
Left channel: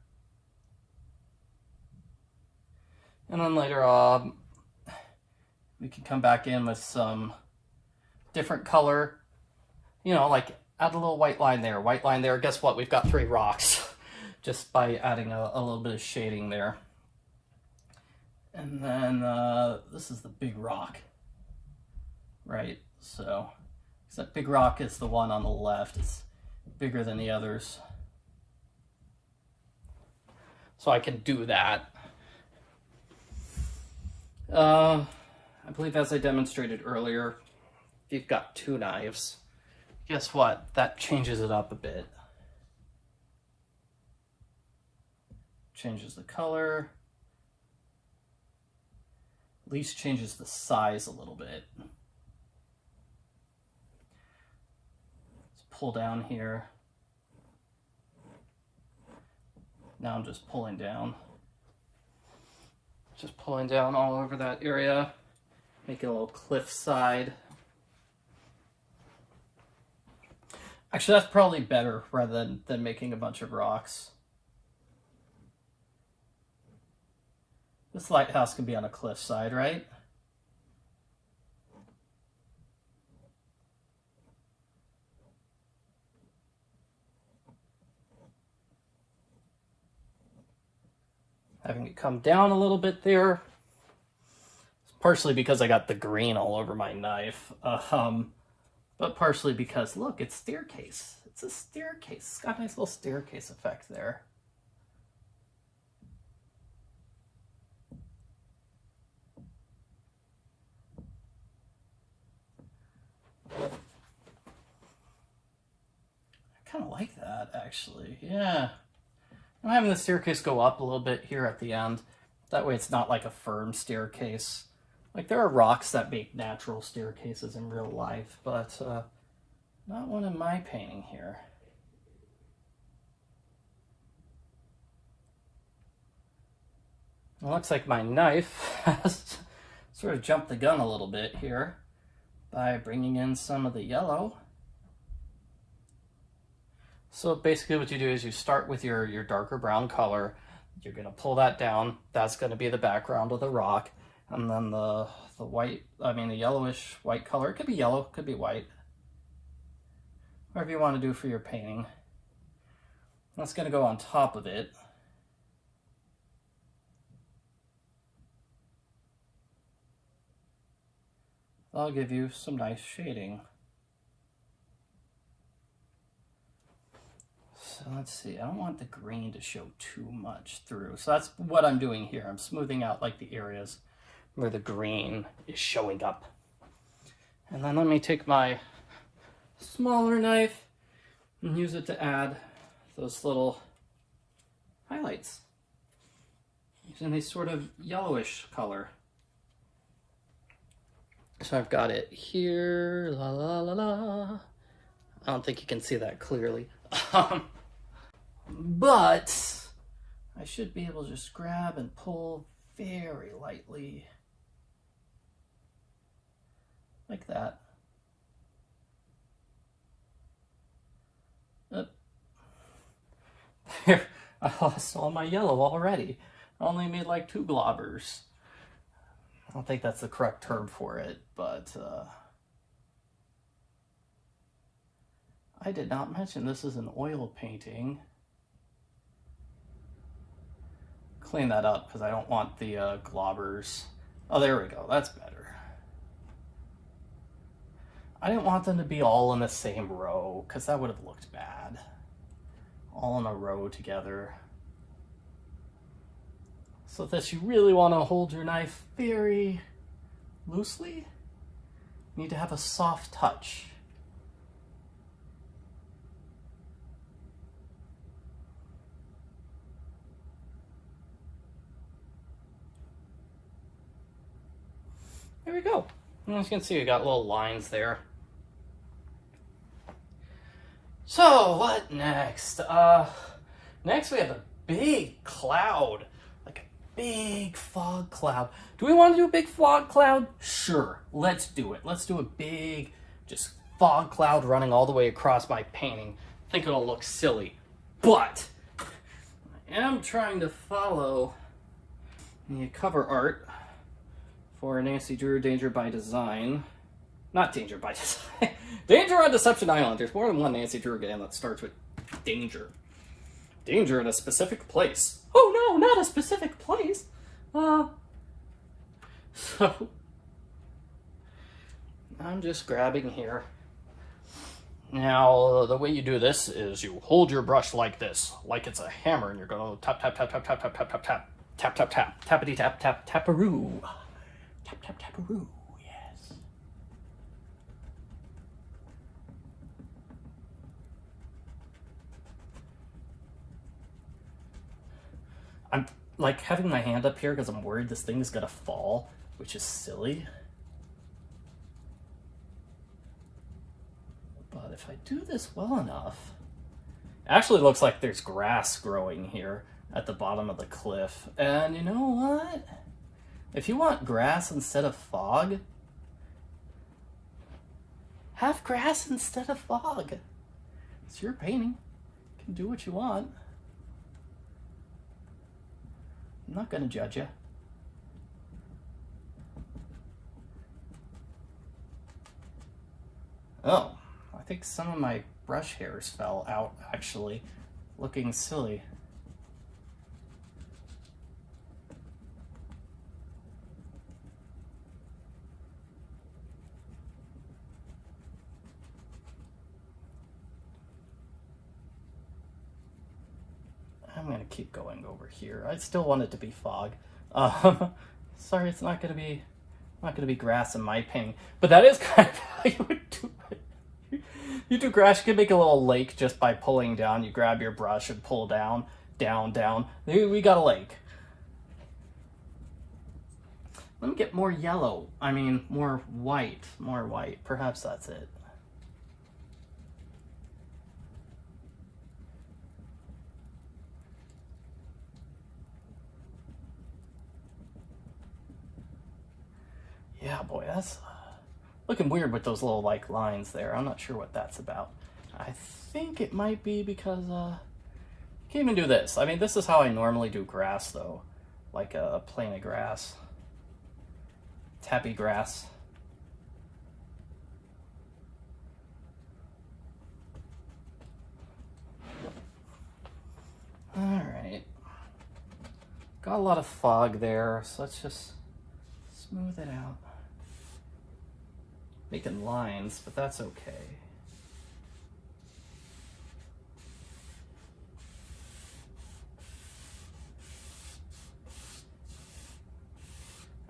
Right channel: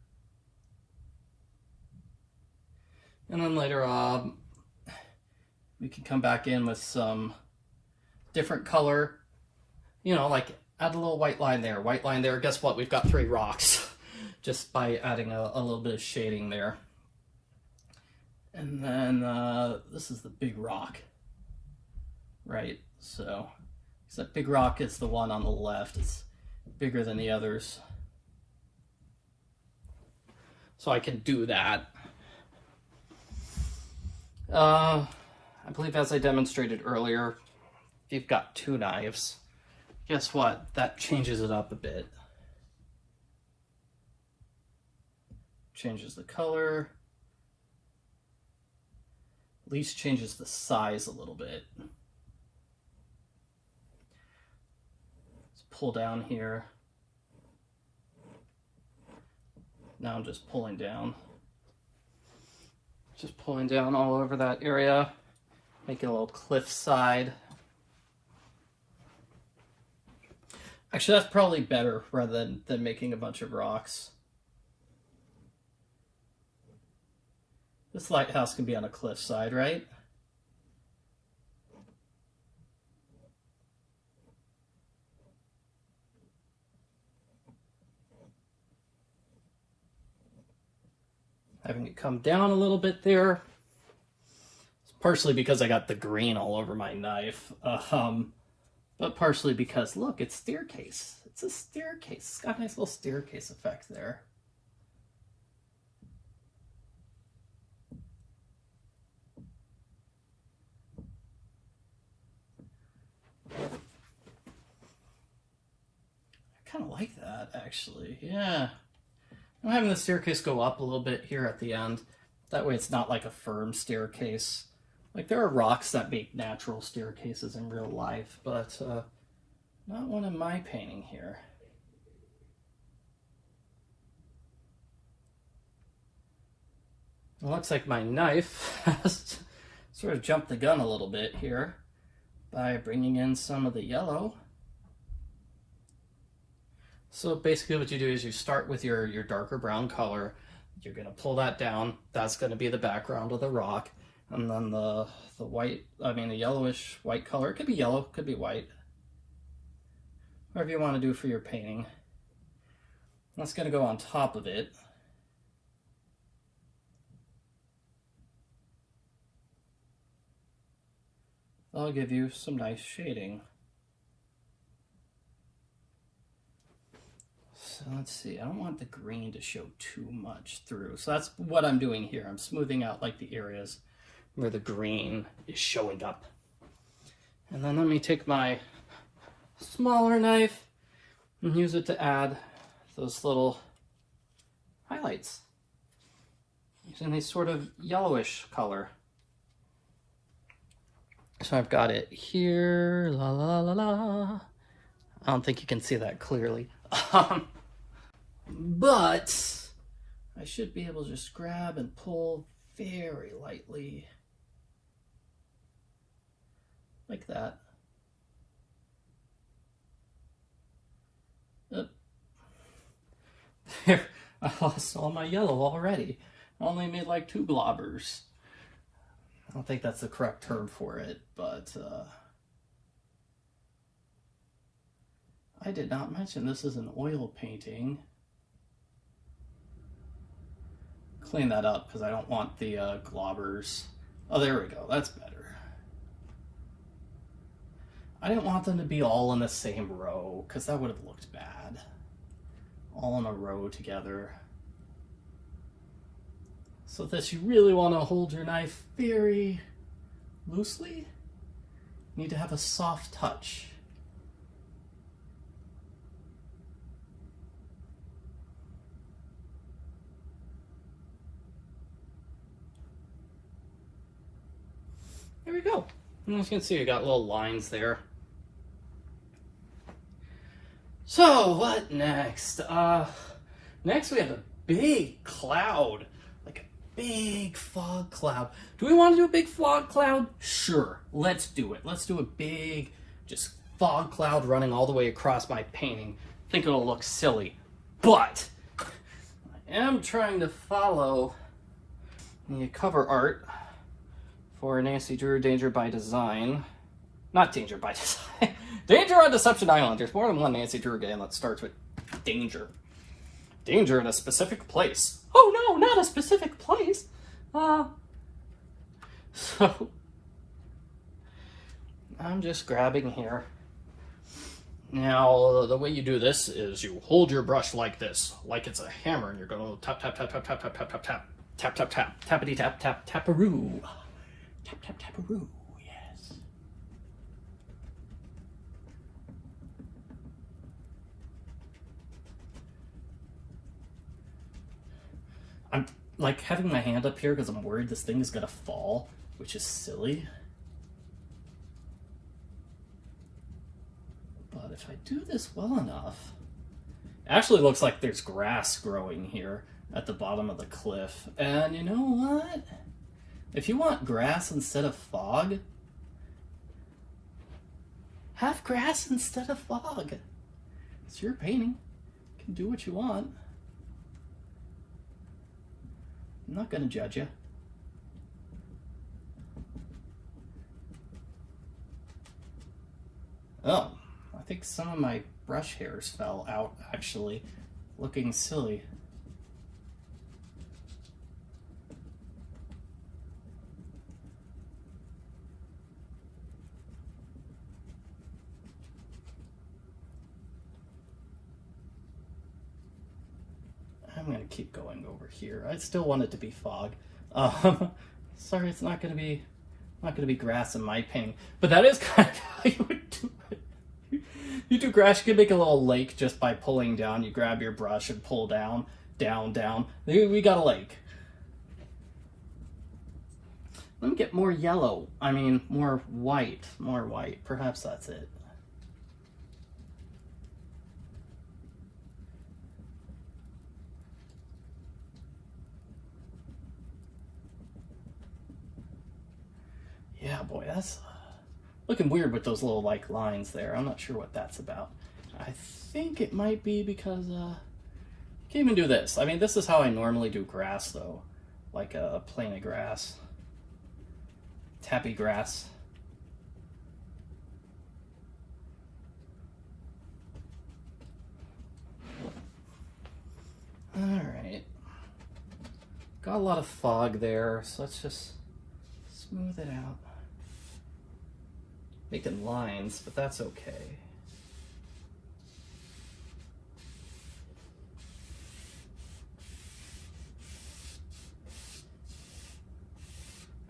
And then later on, we can come back in with some different color, you know, like add a little white line there, white line there. Guess what? We've got 3 rocks just by adding a little bit of shading there. And then this is the big rock, right? So that big rock is the one on the left. It's bigger than the others. So I can do that. I believe as I demonstrated earlier, if you've got 2 knives, guess what? That changes it up a bit. Changes the color. At least changes the size a little bit. Let's pull down here. Now I'm just pulling down. Just pulling down all over that area. Make it a little cliff side. Actually, that's probably better rather than making a bunch of rocks. This lighthouse can be on a cliff side, right? Having it come down a little bit there. It's partially because I got the green all over my knife, but partially because, look, it's staircase. It's a staircase. It's got a nice little staircase effect there. I kind of like that, actually. Yeah. I'm having the staircase go up a little bit here at the end. That way it's not like a firm staircase. Like, there are rocks that make natural staircases in real life, but not one in my painting here. It looks like my knife has sort of jumped the gun a little bit here by bringing in some of the yellow. So basically what you do is you start with your darker brown color. You're going to pull that down. That's going to be the background of the rock. And then the yellowish white color. It could be yellow, it could be white. Whatever you want to do for your painting. That's going to go on top of it. That'll give you some nice shading. So let's see, I don't want the green to show too much through. So that's what I'm doing here. I'm smoothing out like the areas where the green is showing up. And then let me take my smaller knife and use it to add those little highlights. Using a sort of yellowish color. So I've got it here, la la la la. I don't think you can see that clearly. But I should be able to just grab and pull very lightly. Like that. There, I lost all my yellow already. I only made like 2 globbers. I don't think that's the correct term for it, but I did not mention this is an oil painting. Clean that up because I don't want the globbers. Oh, there we go. That's better. I didn't want them to be all in the same row because that would have looked bad. All in a row together. So that you really want to hold your knife very loosely, you need to have a soft touch. There we go. And as you can see, we got little lines there. So what next? Next we have a big cloud, like big fog cloud. Do we want to do a big fog cloud? Sure, let's do it. Let's do a big, just fog cloud running all the way across my painting. I think it'll look silly, but I am trying to follow the cover art for Nancy Drew Danger by Design. Not Danger by Design. Danger on Deception Island. There's more than one Nancy Drew game that starts with danger. Danger in a specific place. Oh no, not a specific place. So I'm just grabbing here. Now, the way you do this is you hold your brush like this, like it's a hammer, and you're going to tap, tap, tap, tap, tap, tap, tap, tap, tap, tap, tap, tap, tappity, tap, tap, taparoo. Tap, tap, taparoo, yes. I'm like having my hand up here because I'm worried this thing is going to fall, which is silly. But if I do this well enough, it actually looks like there's grass growing here at the bottom of the cliff. And you know what? If you want grass instead of fog, have grass instead of fog. It's your painting. You can do what you want. I'm not going to judge you. Oh, I think some of my brush hairs fell out, actually, looking silly. I'm going to keep going over here. I still want it to be fog. Sorry, it's not going to be grass in my painting, but that is kind of how you would do it. You do grass, you can make a little lake just by pulling down. You grab your brush and pull down, down, down. We got a lake. Let me get more yellow. I mean, more white. Perhaps that's it. Yeah, boy, that's looking weird with those little like lines there. I'm not sure what that's about. I think it might be because you can't even do this. I mean, this is how I normally do grass though, like a plane of grass, tappy grass. All right, got a lot of fog there, so let's just smooth it out. Making lines, but that's okay.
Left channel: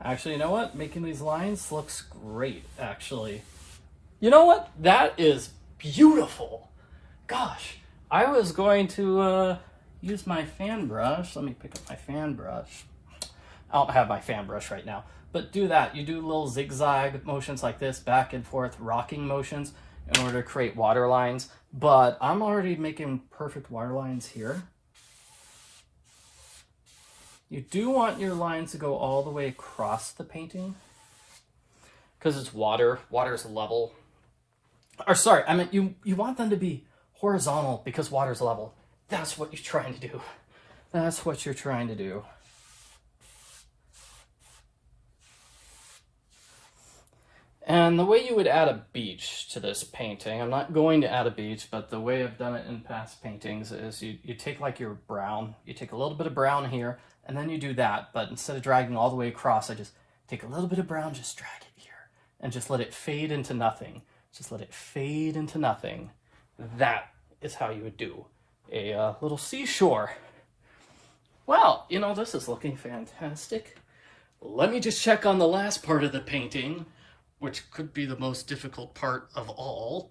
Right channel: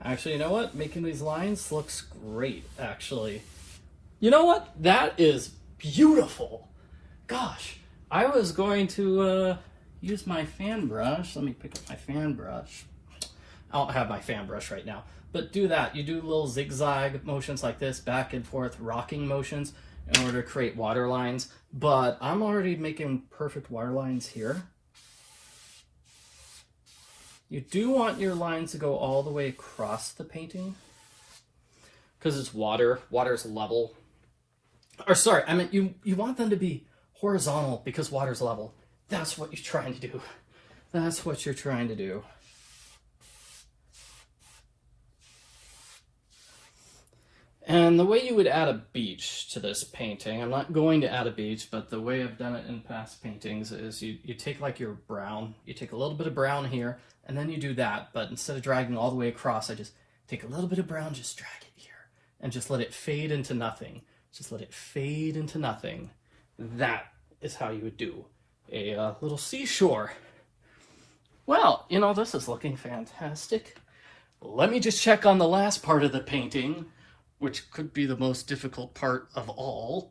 Actually, you know what? Making these lines looks great, actually. You know what? That is beautiful. Gosh, I was going to use my fan brush. Let me pick up my fan brush. I don't have my fan brush right now. But do that. You do little zigzag motions like this, back and forth, rocking motions in order to create water lines. But I'm already making perfect water lines here. You do want your lines to go all the way across the painting because it's water. Water's level. Or sorry, I meant you want them to be horizontal because water's level. That's what you're trying to do. That's what you're trying to do. And the way you would add a beach to this painting, I'm not going to add a beach, but the way I've done it in past paintings is you take like your brown, you take a little bit of brown here, and then you do that, but instead of dragging all the way across, I just take a little bit of brown, just drag it here, and just let it fade into nothing. Just let it fade into nothing. That is how you would do a little seashore. Well, you know, this is looking fantastic. Let me just check on the last part of the painting, which could be the most difficult part of all.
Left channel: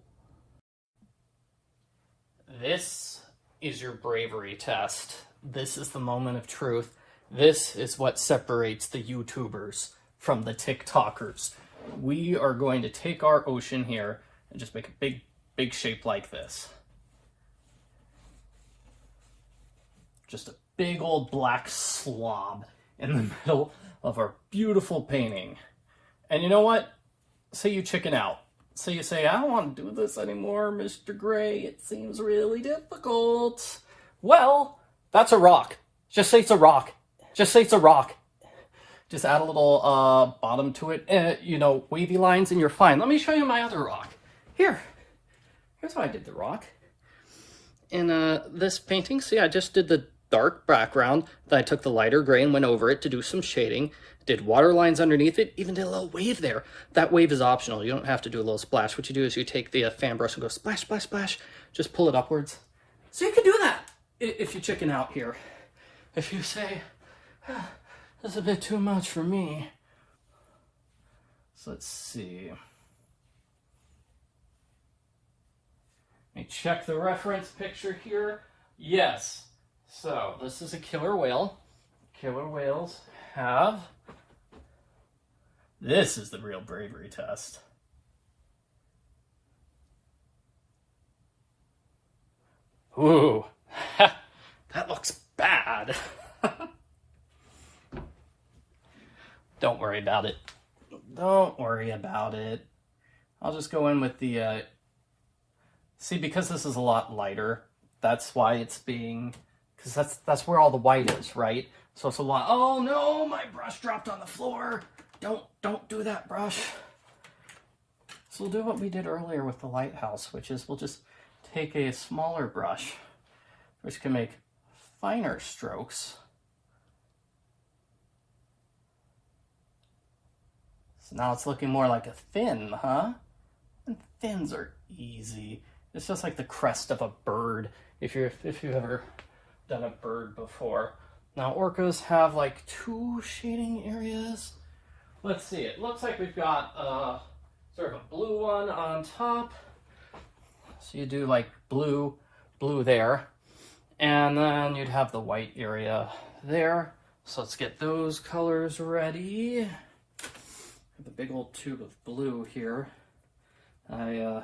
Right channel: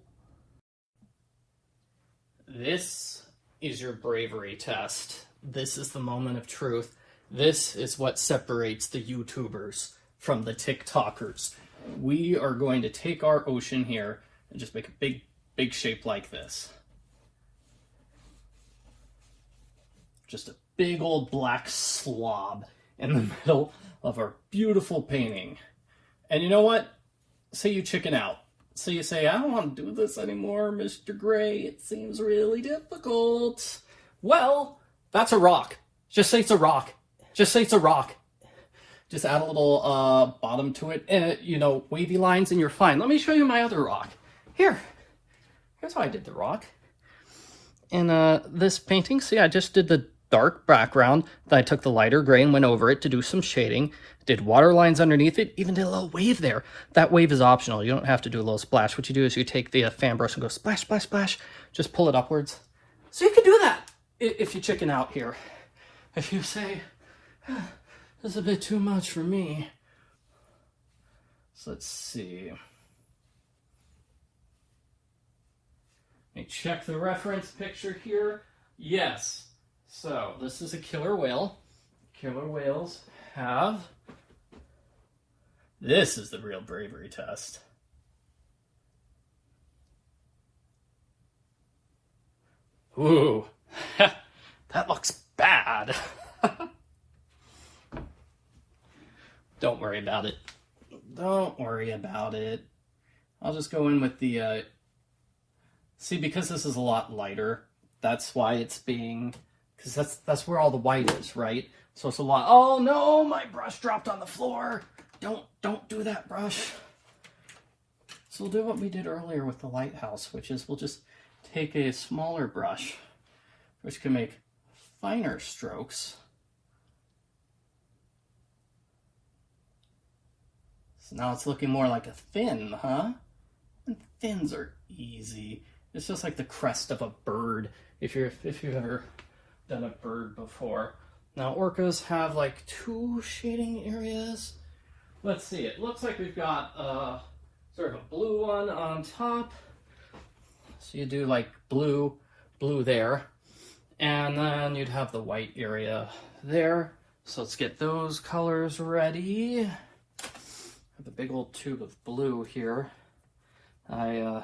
This is your bravery test. This is the moment of truth. This is what separates the YouTubers from the TikTokers. We are going to take our ocean here and just make a big shape like this. Just a big old black slob. in the middle of our beautiful painting. And you know what? Say you chicken out. So you say, I don't want to do this anymore, Mr. Gray. It seems really difficult. Well, that's a rock. Just say it's a rock. Just say it's a rock. Just add a little bottom to it and, you know, wavy lines and you're fine. Let me show you my other rock. Here's how I did the rock. In this painting, see, I just did the dark background. Then I took the lighter gray and went over it to do some shading. Did water lines underneath it, even did a little wave there. That wave is optional. You don't have to do a little splash. What you do is you take the fan brush and go splash, splash, splash. Just pull it upwards. So you can do that if you chicken out here. If you say, this is a bit too much for me. So let's see. Let me check the reference picture here. Yes. So this is a killer whale. Killer whales have... This is the real bravery test. Ooh, that looks bad. Don't worry about it. Don't worry about it. I'll just go in with the, see, because this is a lot lighter, that's why it's being, because that's where all the white is, right? So it's a lot, oh no, my brush dropped on the floor. Don't do that, brush. So we'll do what we did earlier with the lighthouse, which is we'll just take a smaller brush, which can make finer strokes. So now it's looking more like a fin, huh? And fins are easy. It's just like the crest of a bird, if you've ever done a bird before. Now orcas have like 2 shading areas. Let's see, it looks like we've got sort of a blue one on top. So you do like blue there. And then you'd have the white area there. So let's get those colors ready. I have a big old tube of blue here. I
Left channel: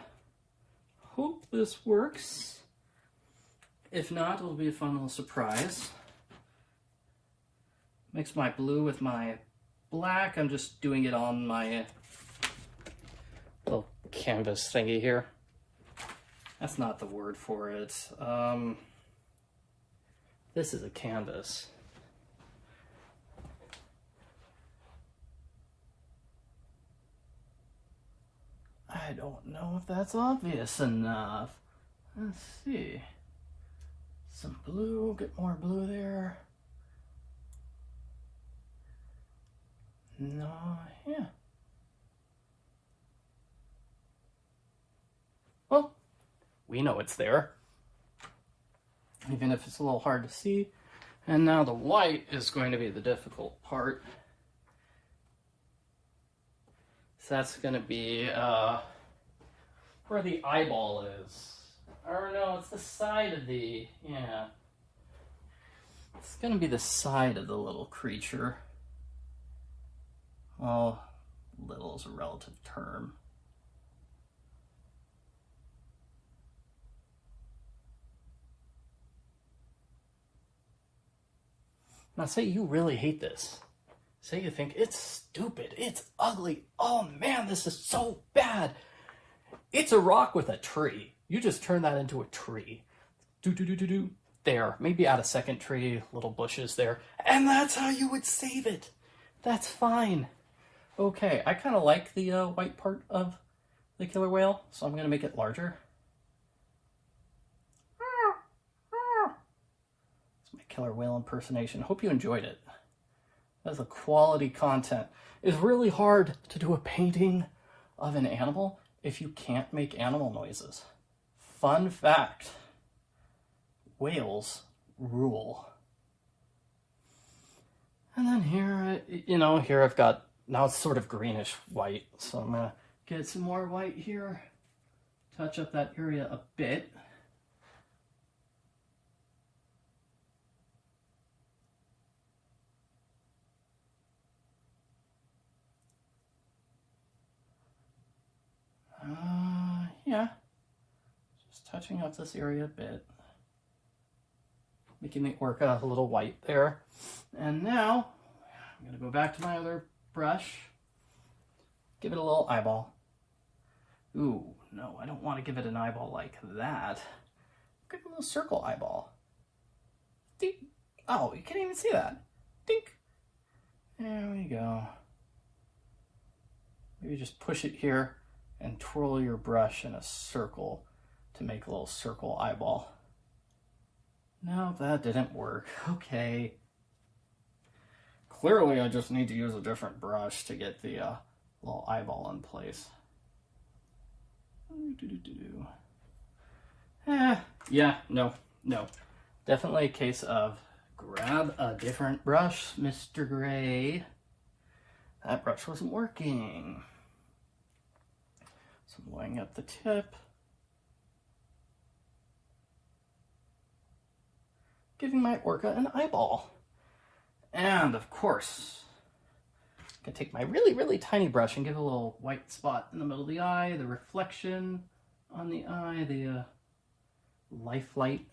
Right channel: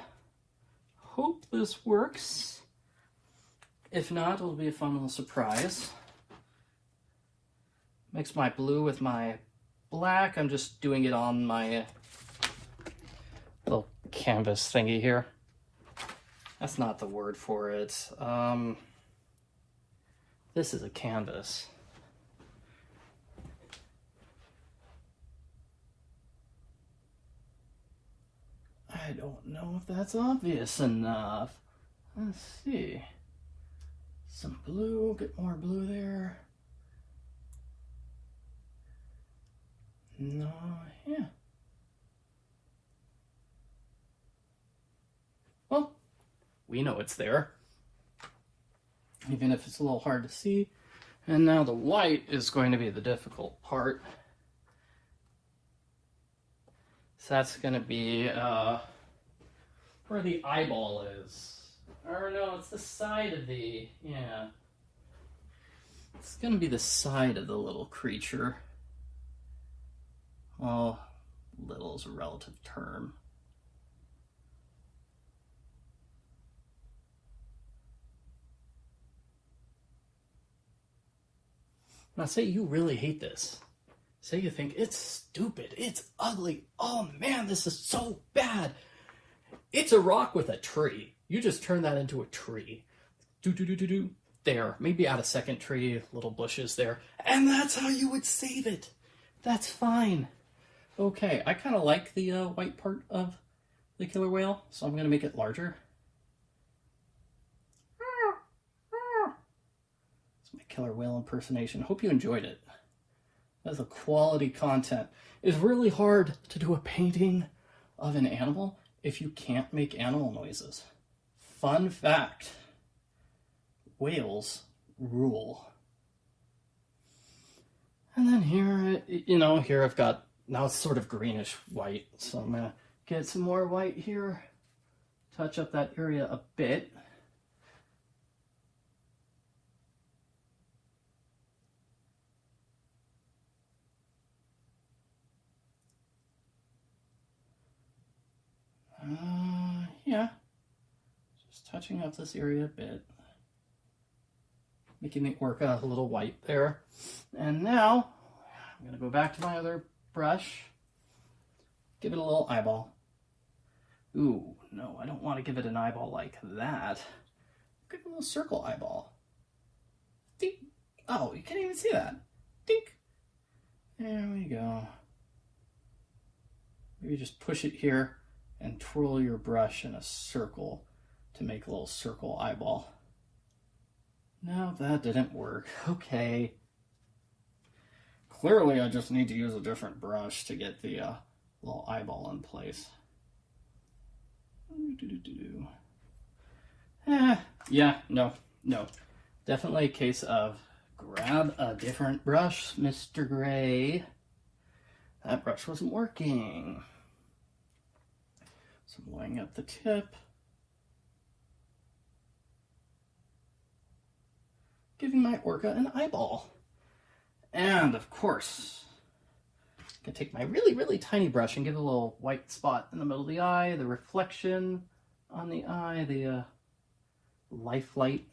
hope this works. If not, it'll be a fun little surprise. Mix my blue with my black. I'm just doing it on my little canvas thingy here. That's not the word for it. This is a canvas. I don't know if that's obvious enough. Let's see. Some blue, get more blue there. No, yeah. Well, we know it's there, even if it's a little hard to see. And now the white is going to be the difficult part. So that's going to be where the eyeball is. Or no, it's the side of the, yeah. It's going to be the side of the little creature. Well, little is a relative term. Now say you really hate this. Say you think it's stupid, it's ugly, oh man, this is so bad. It's a rock with a tree. You just turn that into a tree. Do. There, maybe add a second tree, little bushes there. And that's how you would save it. That's fine. Okay, I kind of like the white part of the killer whale, so I'm going to make it larger. It's my killer whale impersonation. Hope you enjoyed it. That's a quality content. It's really hard to do a painting of an animal if you can't make animal noises. Fun fact, whales rule. And then here, you know, here I've got, now it's sort of greenish white, so I'm gonna get some more white here, touch up that area a bit. Yeah, just touching up this area a bit, making the orca a little white there. And now I'm gonna go back to my other brush, give it a little eyeball. Ooh, no, I don't want to give it an eyeball like that. Give it a little circle eyeball. Dink. Oh, you can't even see that. Dink. There we go. Maybe just push it here and twirl your brush in a circle to make a little circle eyeball. No, that didn't work. Okay. Clearly, I just need to use a different brush to get the little eyeball in place. Yeah, no. Definitely a case of grab a different brush, Mr. Gray. That brush wasn't working. So I'm laying at the tip. Giving my orca an eyeball. And of course, I'm gonna take my really, really tiny brush and give it a little white spot in the middle of the eye, the reflection on the eye, the life light.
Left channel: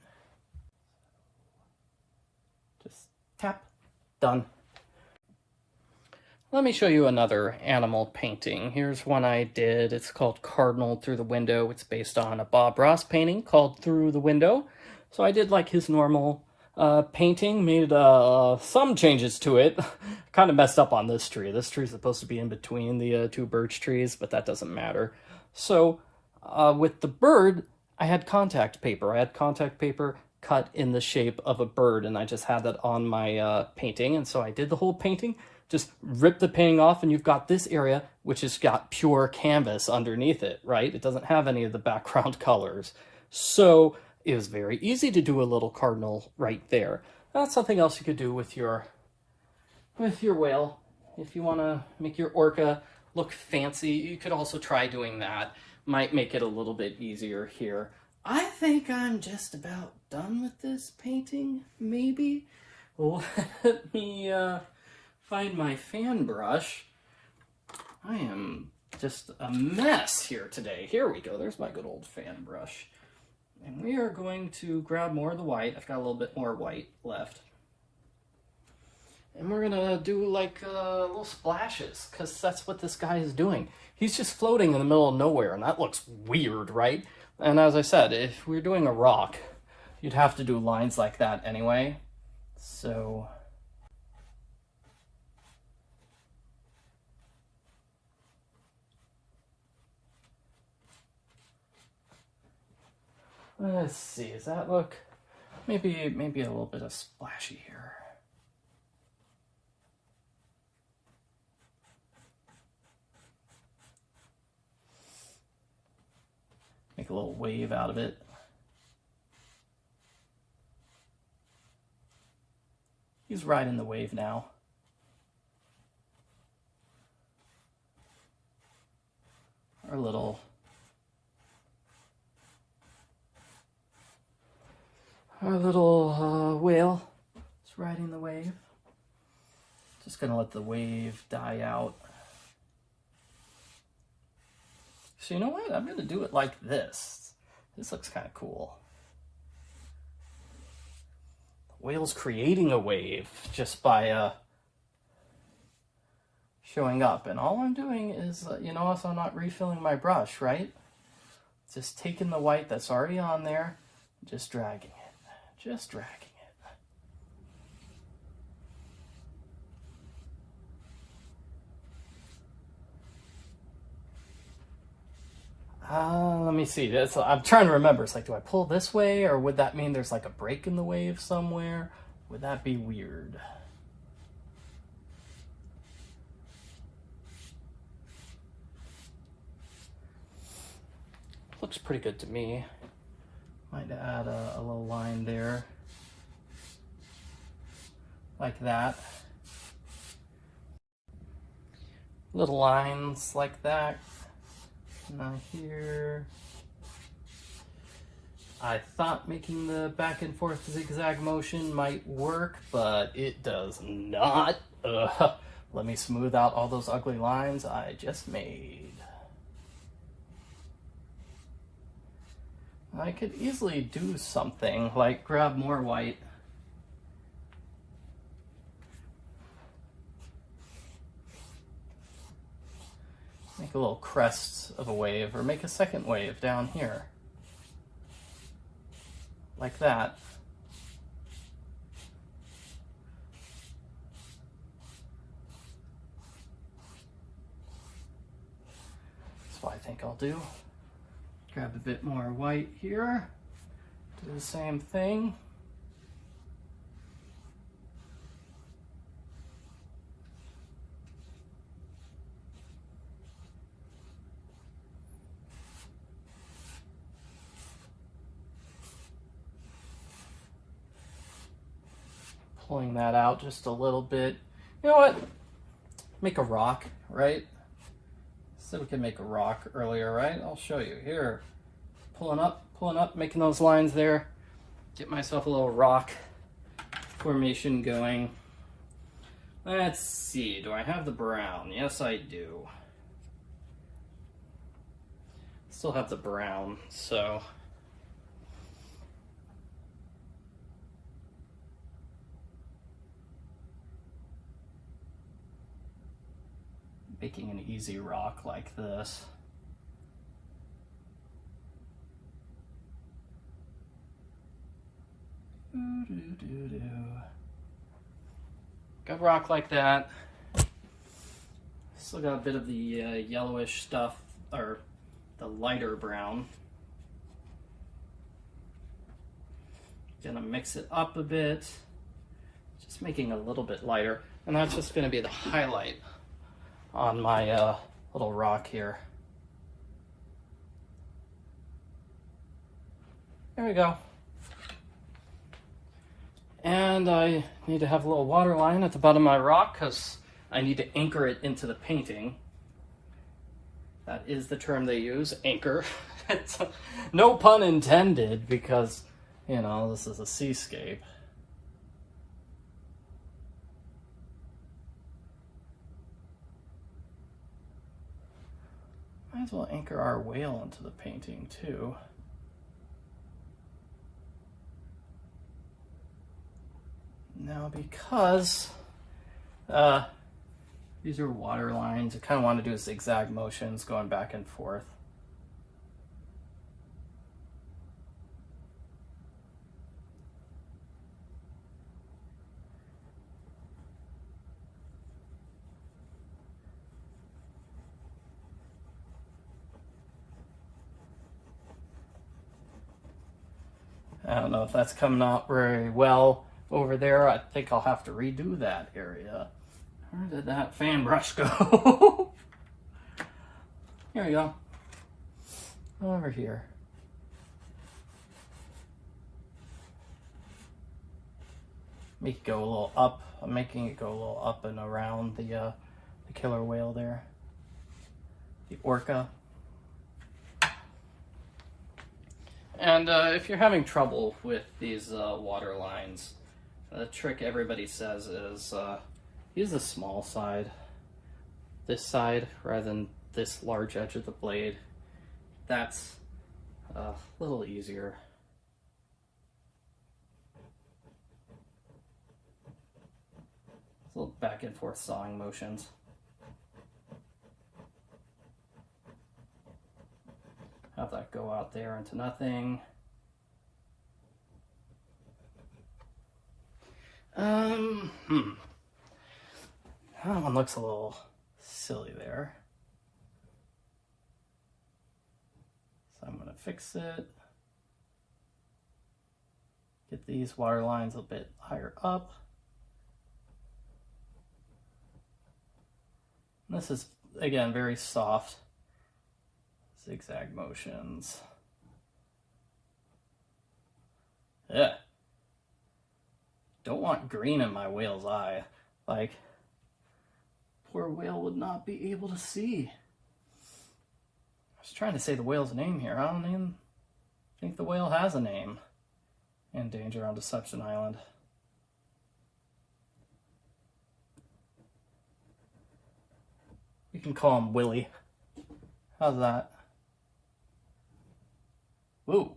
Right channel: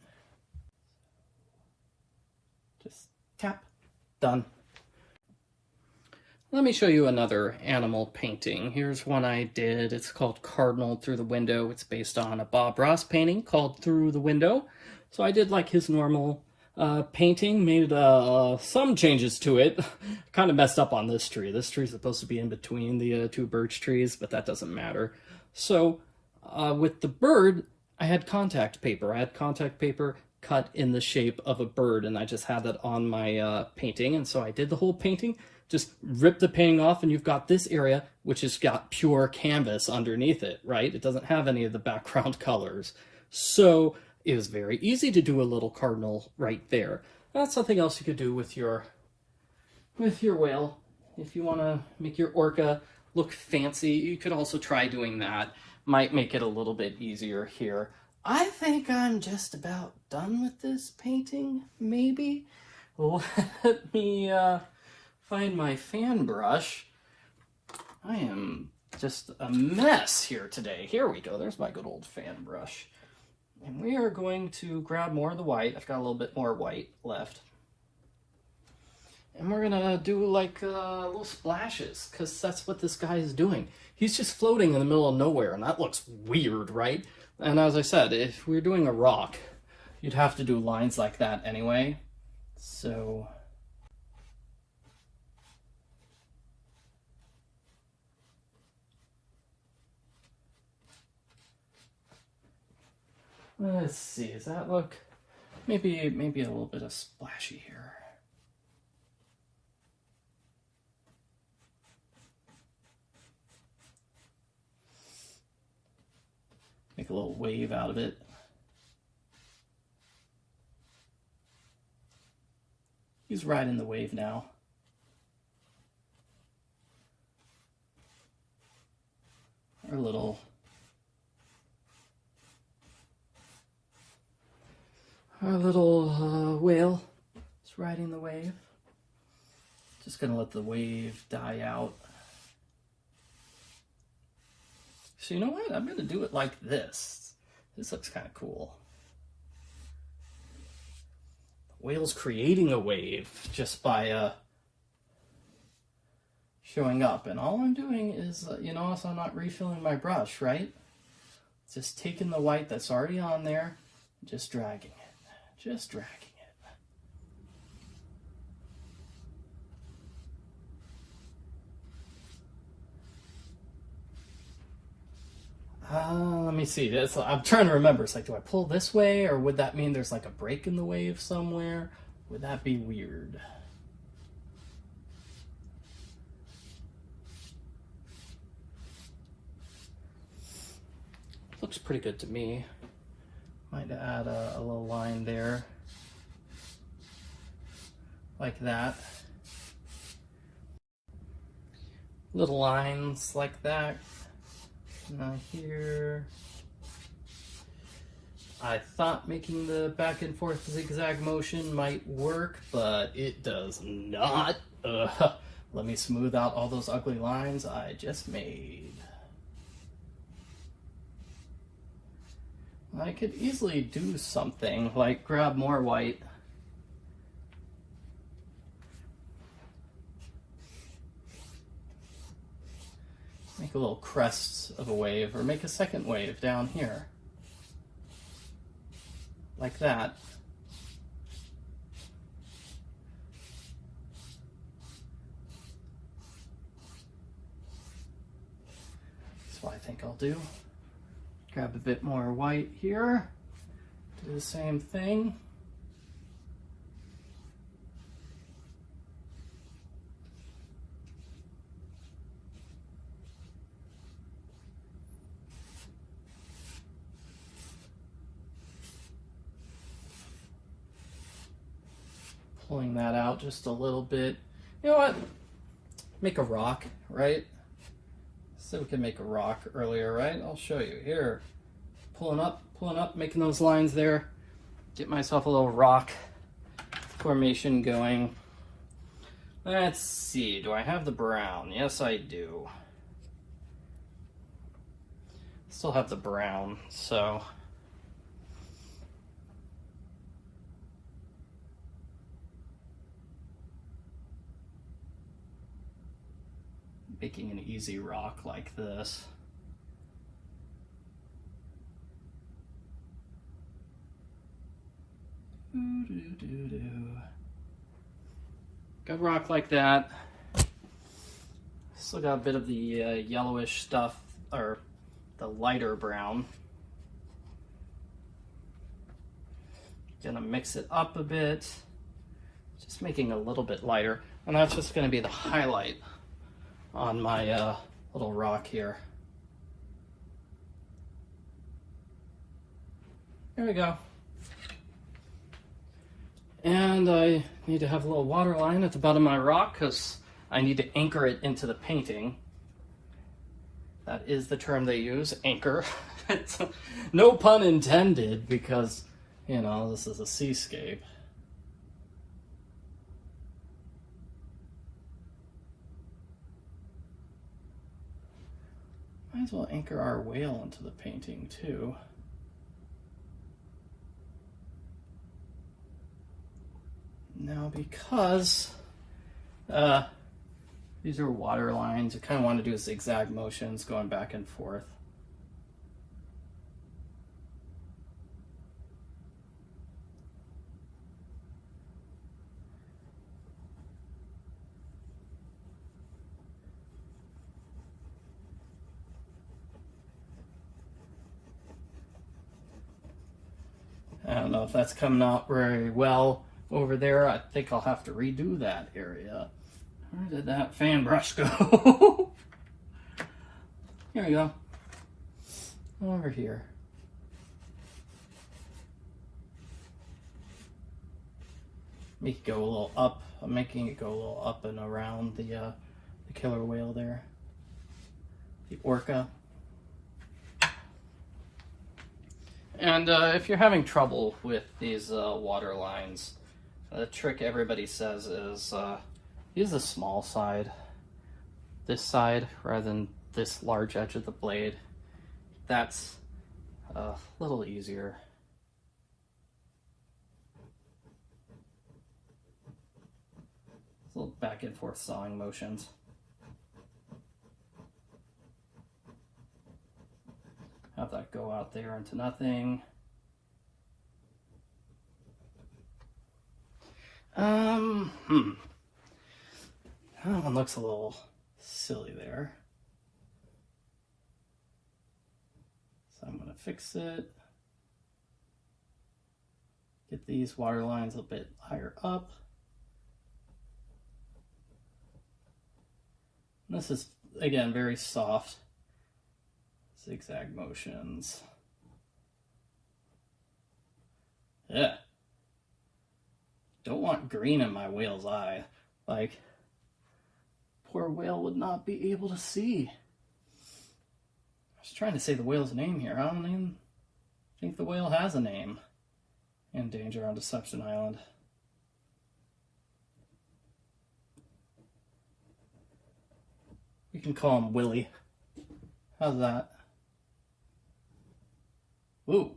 Just tap, done. Let me show you another animal painting. Here's one I did. It's called Cardinal Through the Window. It's based on a Bob Ross painting called Through the Window. So I did like his normal painting, made some changes to it. Kind of messed up on this tree. This tree is supposed to be in between the two birch trees, but that doesn't matter. So with the bird, I had contact paper. I had contact paper cut in the shape of a bird, and I just had that on my painting. And so I did the whole painting, just ripped the painting off, and you've got this area which has got pure canvas underneath it, right? It doesn't have any of the background colors. So it was very easy to do a little cardinal right there. That's something else you could do with your whale. If you want to make your orca look fancy, you could also try doing that. Might make it a little bit easier here. I think I'm just about done with this painting, maybe. Let me find my fan brush. I am just a mess here today. Here we go. There's my good old fan brush. And we are going to grab more of the white. I've got a little bit more white left. And we're going to do like little splashes, because that's what this guy is doing. He's just floating in the middle of nowhere, and that looks weird, right? And as I said, if we're doing a rock, you'd have to do lines like that anyway. So let's see, does that look maybe a little bit of splashy here? Make a little wave out of it. He's riding the wave now. Our little whale is riding the wave. Just gonna let the wave die out. So you know what? I'm gonna do it like this. This looks kind of cool. The whale's creating a wave just by showing up. And all I'm doing is, you notice I'm not refilling my brush, right? Just taking the white that's already on there, just dragging it. Just dragging it. Let me see. I'm trying to remember. It's like, do I pull this way, or would that mean there's like a break in the wave somewhere? Would that be weird? Looks pretty good to me. Might add a little line there, like that. Little lines like that. Now here, I thought making the back and forth zigzag motion might work, but it does not. Let me smooth out all those ugly lines I just made. I could easily do something like grab more white Make a little crest of a wave, or make a second wave down here. Like that. That's what I think I'll do. Grab a bit more white here. Do the same thing. Pulling that out just a little bit. You know what? Make a rock, right? So we can make a rock earlier, right? I'll show you. Here. Pulling up, making those lines there. Get myself a little rock formation going. Let's see. Do I have the brown? Yes, I do. Still have the brown, so... making an easy rock like this. Go rock like that. Still got a bit of the yellowish stuff, or the lighter brown. Gonna mix it up a bit, just making it a little bit lighter, and that's just gonna be the highlight on my little rock here. There we go. And I need to have a little water line at the bottom of my rock because I need to anchor it into the painting. That is the term they use, anchor. No pun intended, because, you know, this is a seascape. Might as well anchor our whale into the painting too. Now, because these are water lines, I kind of want to do zigzag motions going back and forth. I don't know if that's coming out very well over there. I think I'll have to redo that area. Where did that fan brush go? Here we go. Over here. Make it go a little up. I'm making it go a little up and around the killer whale there. The orca. And if you're having trouble with these water lines, the trick everybody says is use the small side, this side, rather than this large edge of the blade. That's a little easier. Little back and forth sawing motions. Have that go out there into nothing. That one looks a little silly there. So I'm gonna fix it. Get these water lines a bit higher up. This is, again, very soft. Zigzag motions. Yeah. Don't want green in my whale's eye. Like, poor whale would not be able to see. I was trying to say the whale's name here. I don't even think the whale has a name in Danger on Deception Island. We can call him Willie. How's that? Ooh.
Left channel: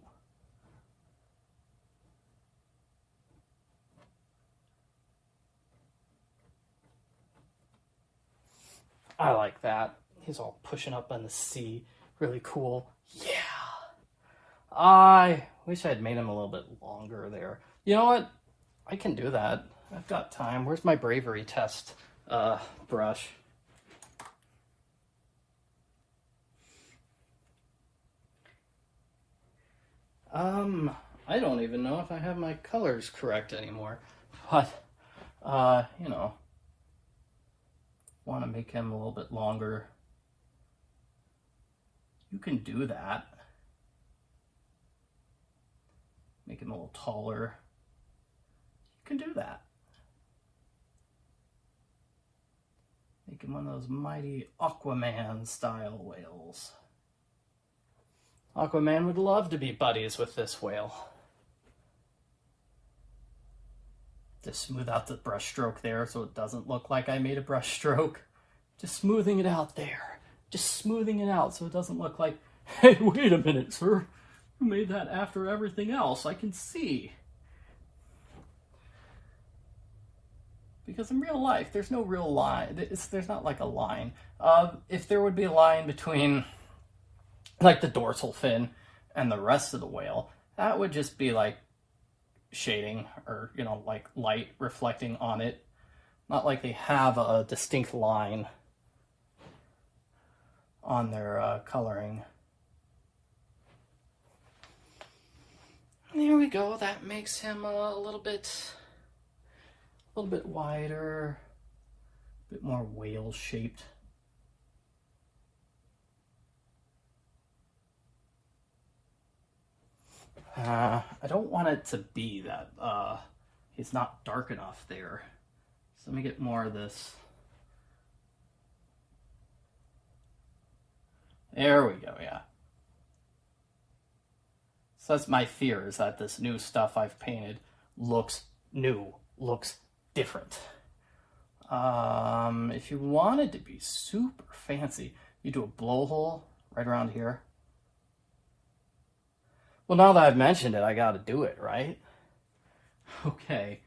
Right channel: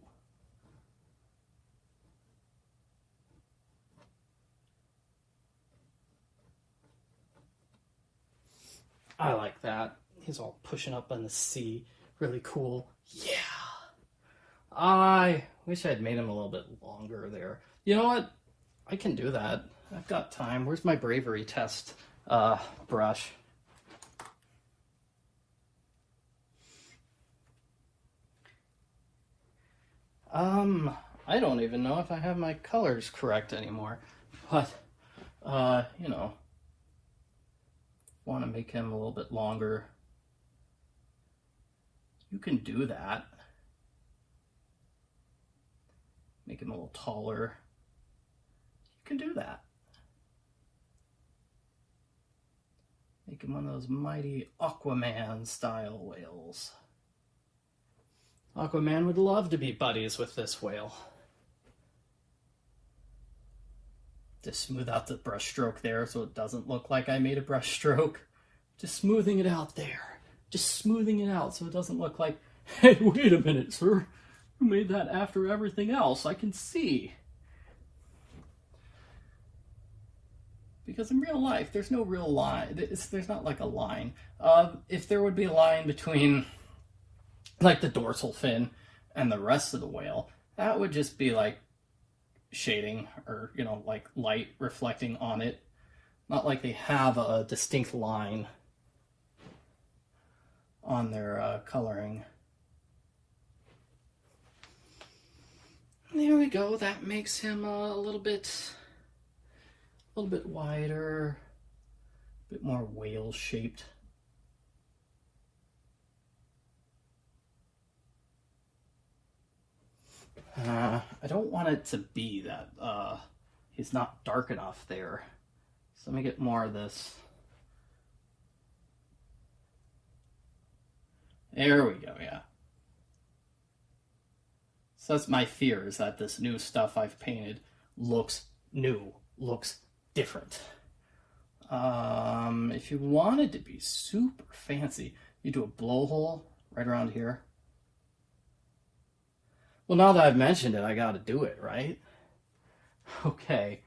I like that. He's all pushing up in the sea. Really cool. Yeah. I wish I had made him a little bit longer there. You know what? I can do that. I've got time. Where's my bravery test brush? I don't even know if I have my colors correct anymore. But, you know, want to make him a little bit longer. You can do that. Make him a little taller. You can do that. Make him one of those mighty Aquaman style whales. Aquaman would love to be buddies with this whale. Just smooth out the brush stroke there so it doesn't look like I made a brush stroke. Just smoothing it out there. Just smoothing it out so it doesn't look like, hey, wait a minute, sir. You made that after everything else. I can see. Because in real life, there's no real line. There's not like a line. If there would be a line between like the dorsal fin and the rest of the whale, that would just be like shading or, you know, like light reflecting on it. Not like they have a distinct line on their coloring. There we go. That makes him a little bit wider, a bit more whale shaped. I don't want it to be that he's not dark enough there. So let me get more of this. There we go, yeah. So that's my fear, is that this new stuff I've painted looks new, looks different. If you wanted to be super fancy, you do a blowhole right around here. Well, now that I've mentioned it, I gotta do it, right? Okay.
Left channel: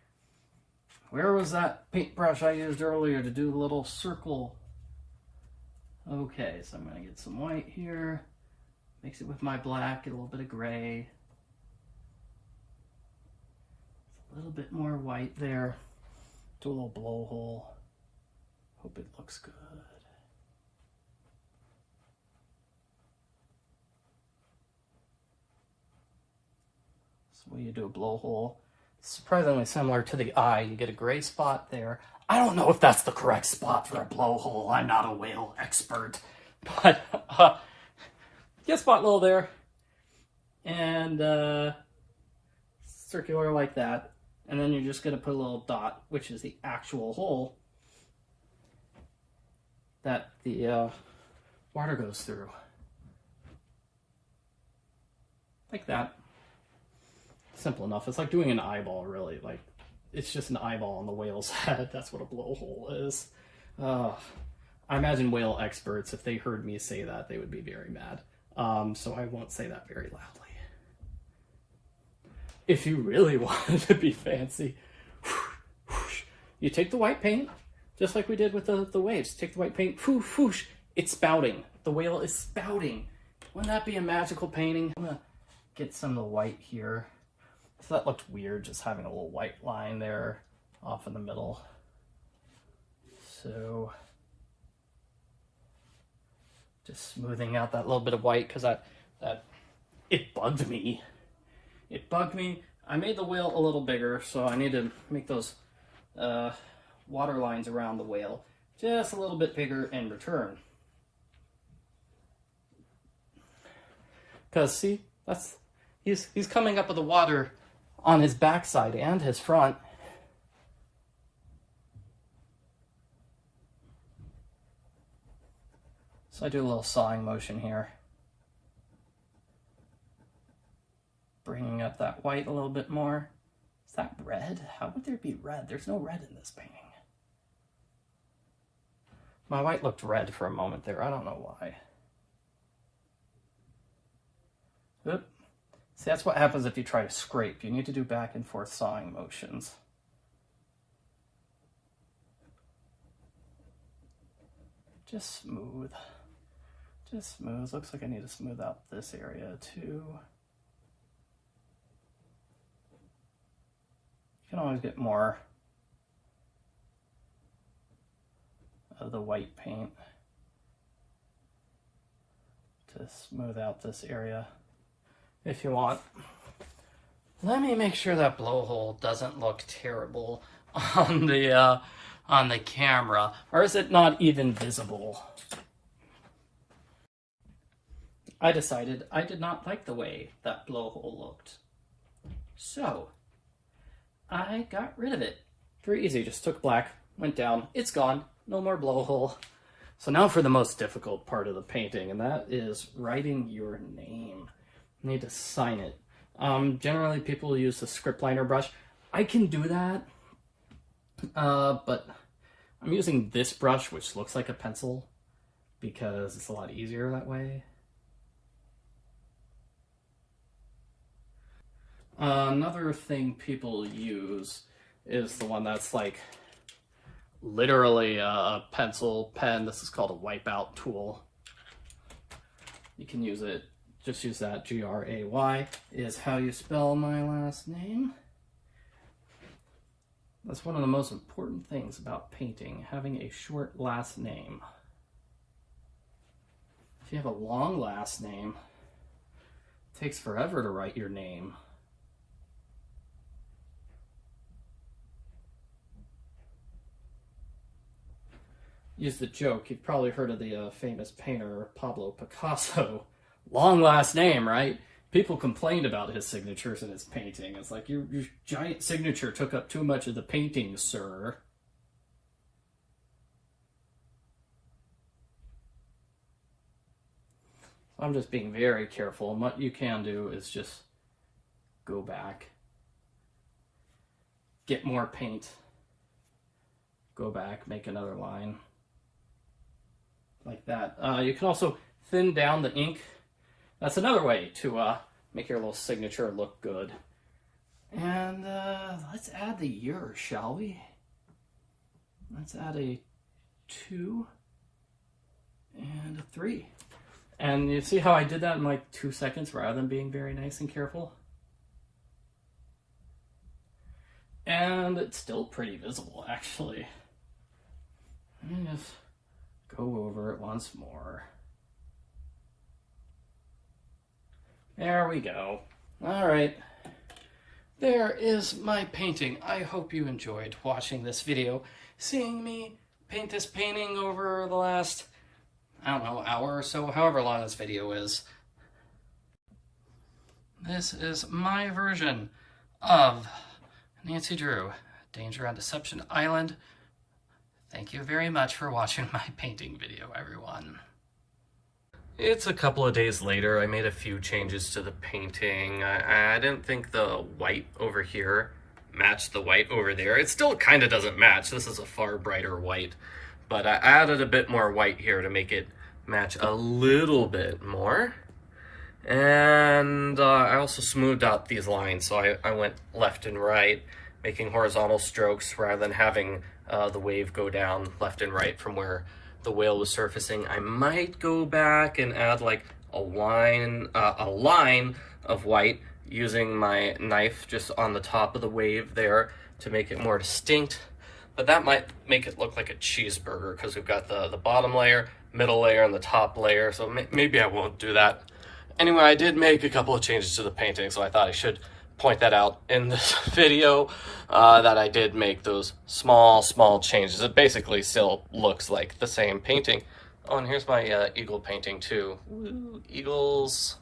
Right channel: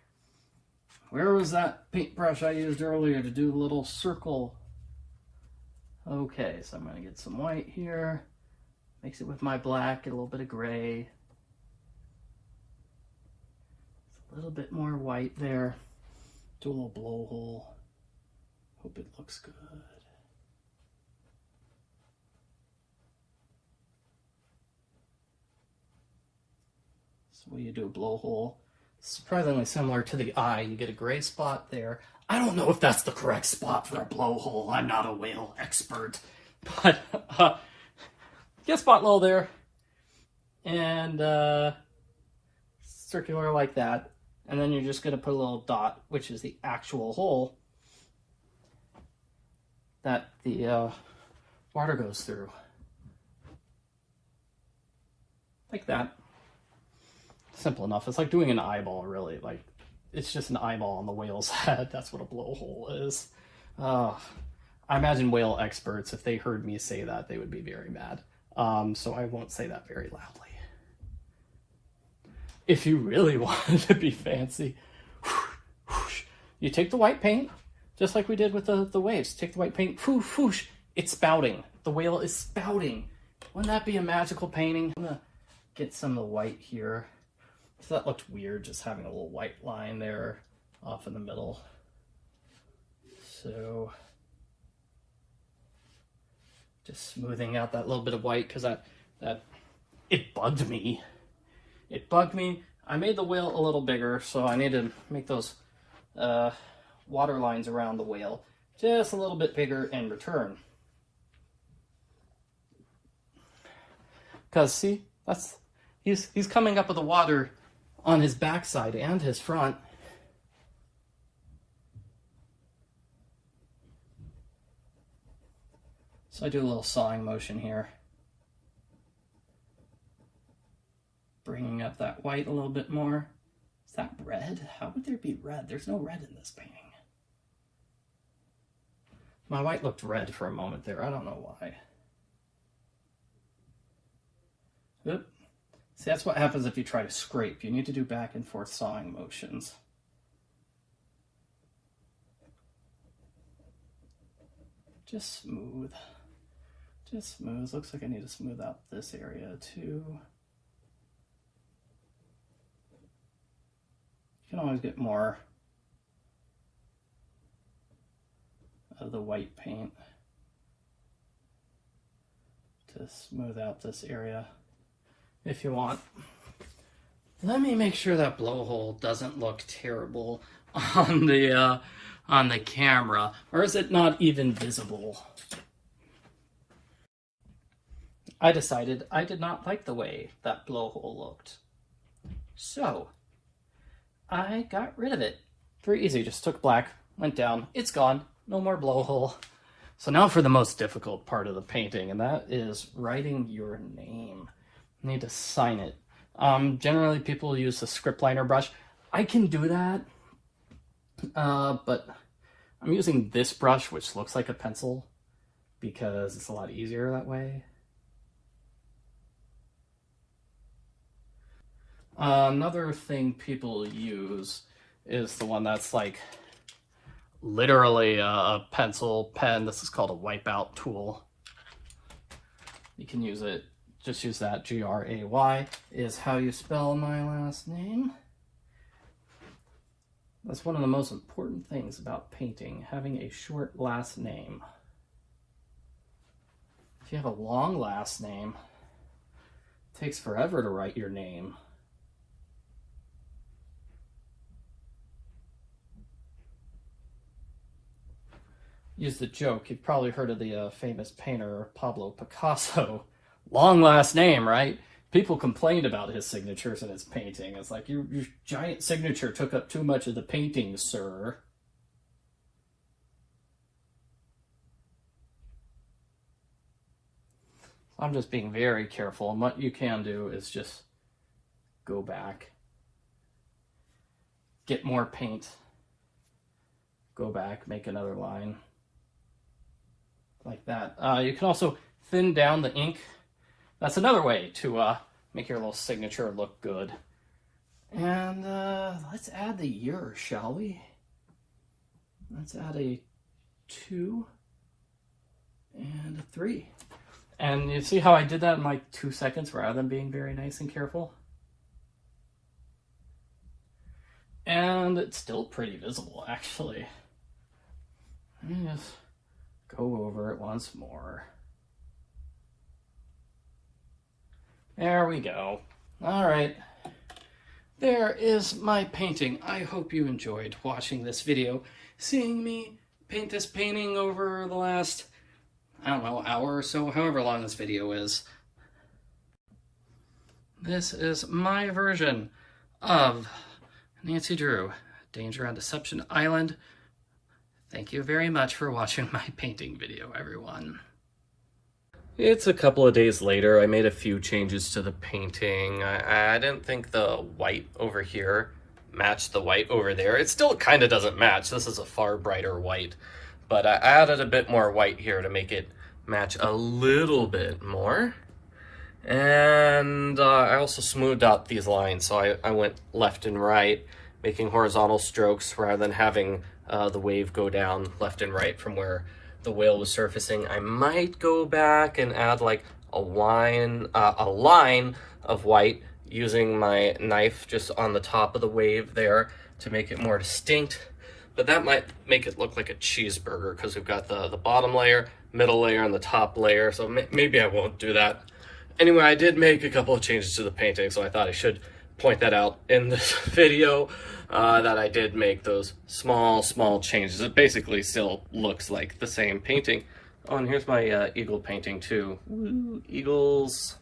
Where was that paintbrush I used earlier to do a little circle? Okay, so I'm gonna get some white here. Mix it with my black, get a little bit of gray. A little bit more white there. Do a little blowhole. Hope it looks good. So when you do a blowhole, surprisingly similar to the eye, you get a gray spot there. I don't know if that's the correct spot for a blowhole. I'm not a whale expert. But get a spot low there. And circular like that. And then you're just going to put a little dot, which is the actual hole that the water goes through. Like that. Simple enough. It's like doing an eyeball, really. Like, it's just an eyeball on the whale's head. That's what a blowhole is. I imagine whale experts, if they heard me say that, they would be very mad. So I won't say that very loudly. If you really wanted to be fancy, you take the white paint, just like we did with the waves. Take the white paint, whoosh, it's spouting. The whale is spouting. Wouldn't that be a magical painting? I'm gonna get some of the white here. So that looked weird, just having a little white line there off in the middle. So just smoothing out that little bit of white, because it bugged me. It bugged me. I made the whale a little bigger, so I need to make those water lines around the whale just a little bit bigger in return. Because see, he's coming up with the water on his backside and his front. So I do a little sawing motion here. Bringing up that white a little bit more. Is that red? How would there be red? There's no red in this painting. My white looked red for a moment there. I don't know why. Oop. See, that's what happens if you try to scrape. You need to do back and forth sawing motions. Just smooth. Just smooth. Looks like I need to smooth out this area too. You can always get more of the white paint to smooth out this area if you want. Let me make sure that blowhole doesn't look terrible on the camera, or is it not even visible? I decided I did not like the way that blowhole looked, so I got rid of it. Very easy, just took black, went down, it's gone, no more blowhole. So now for the most difficult part of the painting, and that is writing your name. You need to sign it. Generally people use the script liner brush. I can do that, but I'm using this brush, which looks like a pencil, because it's a lot easier that way. Another thing people use is the one that's like literally a pencil pen. This is called a wipeout tool. You can use it, just use that. G-R-A-Y is how you spell my last name. That's one of the most important things about painting, having a short last name. If you have a long last name, it takes forever to write your name. Use the joke. You've probably heard of the famous painter Pablo Picasso. Long last name, right? People complained about his signatures in his painting. It's like, your giant signature took up too much of the painting, sir. I'm just being very careful. And what you can do is just go back, get more paint, go back, make another line. Like that. You can also thin down the ink. That's another way to make your little signature look good. And let's add the year, shall we? Let's add a 2 and a 3. And you see how I did that in like 2 seconds rather than being very nice and careful? And it's still pretty visible, actually. Let me just go over it once more. There we go. All right. There is my painting. I hope you enjoyed watching this video, seeing me paint this painting over the last, I don't know, hour or so, however long this video is. This is my version of Nancy Drew, Danger on Deception Island. Thank you very much for watching my painting video, everyone. It's a couple of days later. I made a few changes to the painting. I didn't think the white over here matched the white over there. It still kind of doesn't match. This is a far brighter white, but I added a bit more white here to make it match a little bit more. And I also smoothed out these lines, so I went left and right, making horizontal strokes rather than having the wave go down left and right from where the whale was surfacing. I might go back and add like a line of white using my knife just on the top of the wave there to make it more distinct. But that might make it look like a cheeseburger because we've got the bottom layer, middle layer, and the top layer. So maybe I won't do that. Anyway, I did make a couple of changes to the painting, so I thought I should point that out in this video, that I did make those small changes. It basically still looks like the same painting. Oh, and here's my eagle painting too. Woo, eagles.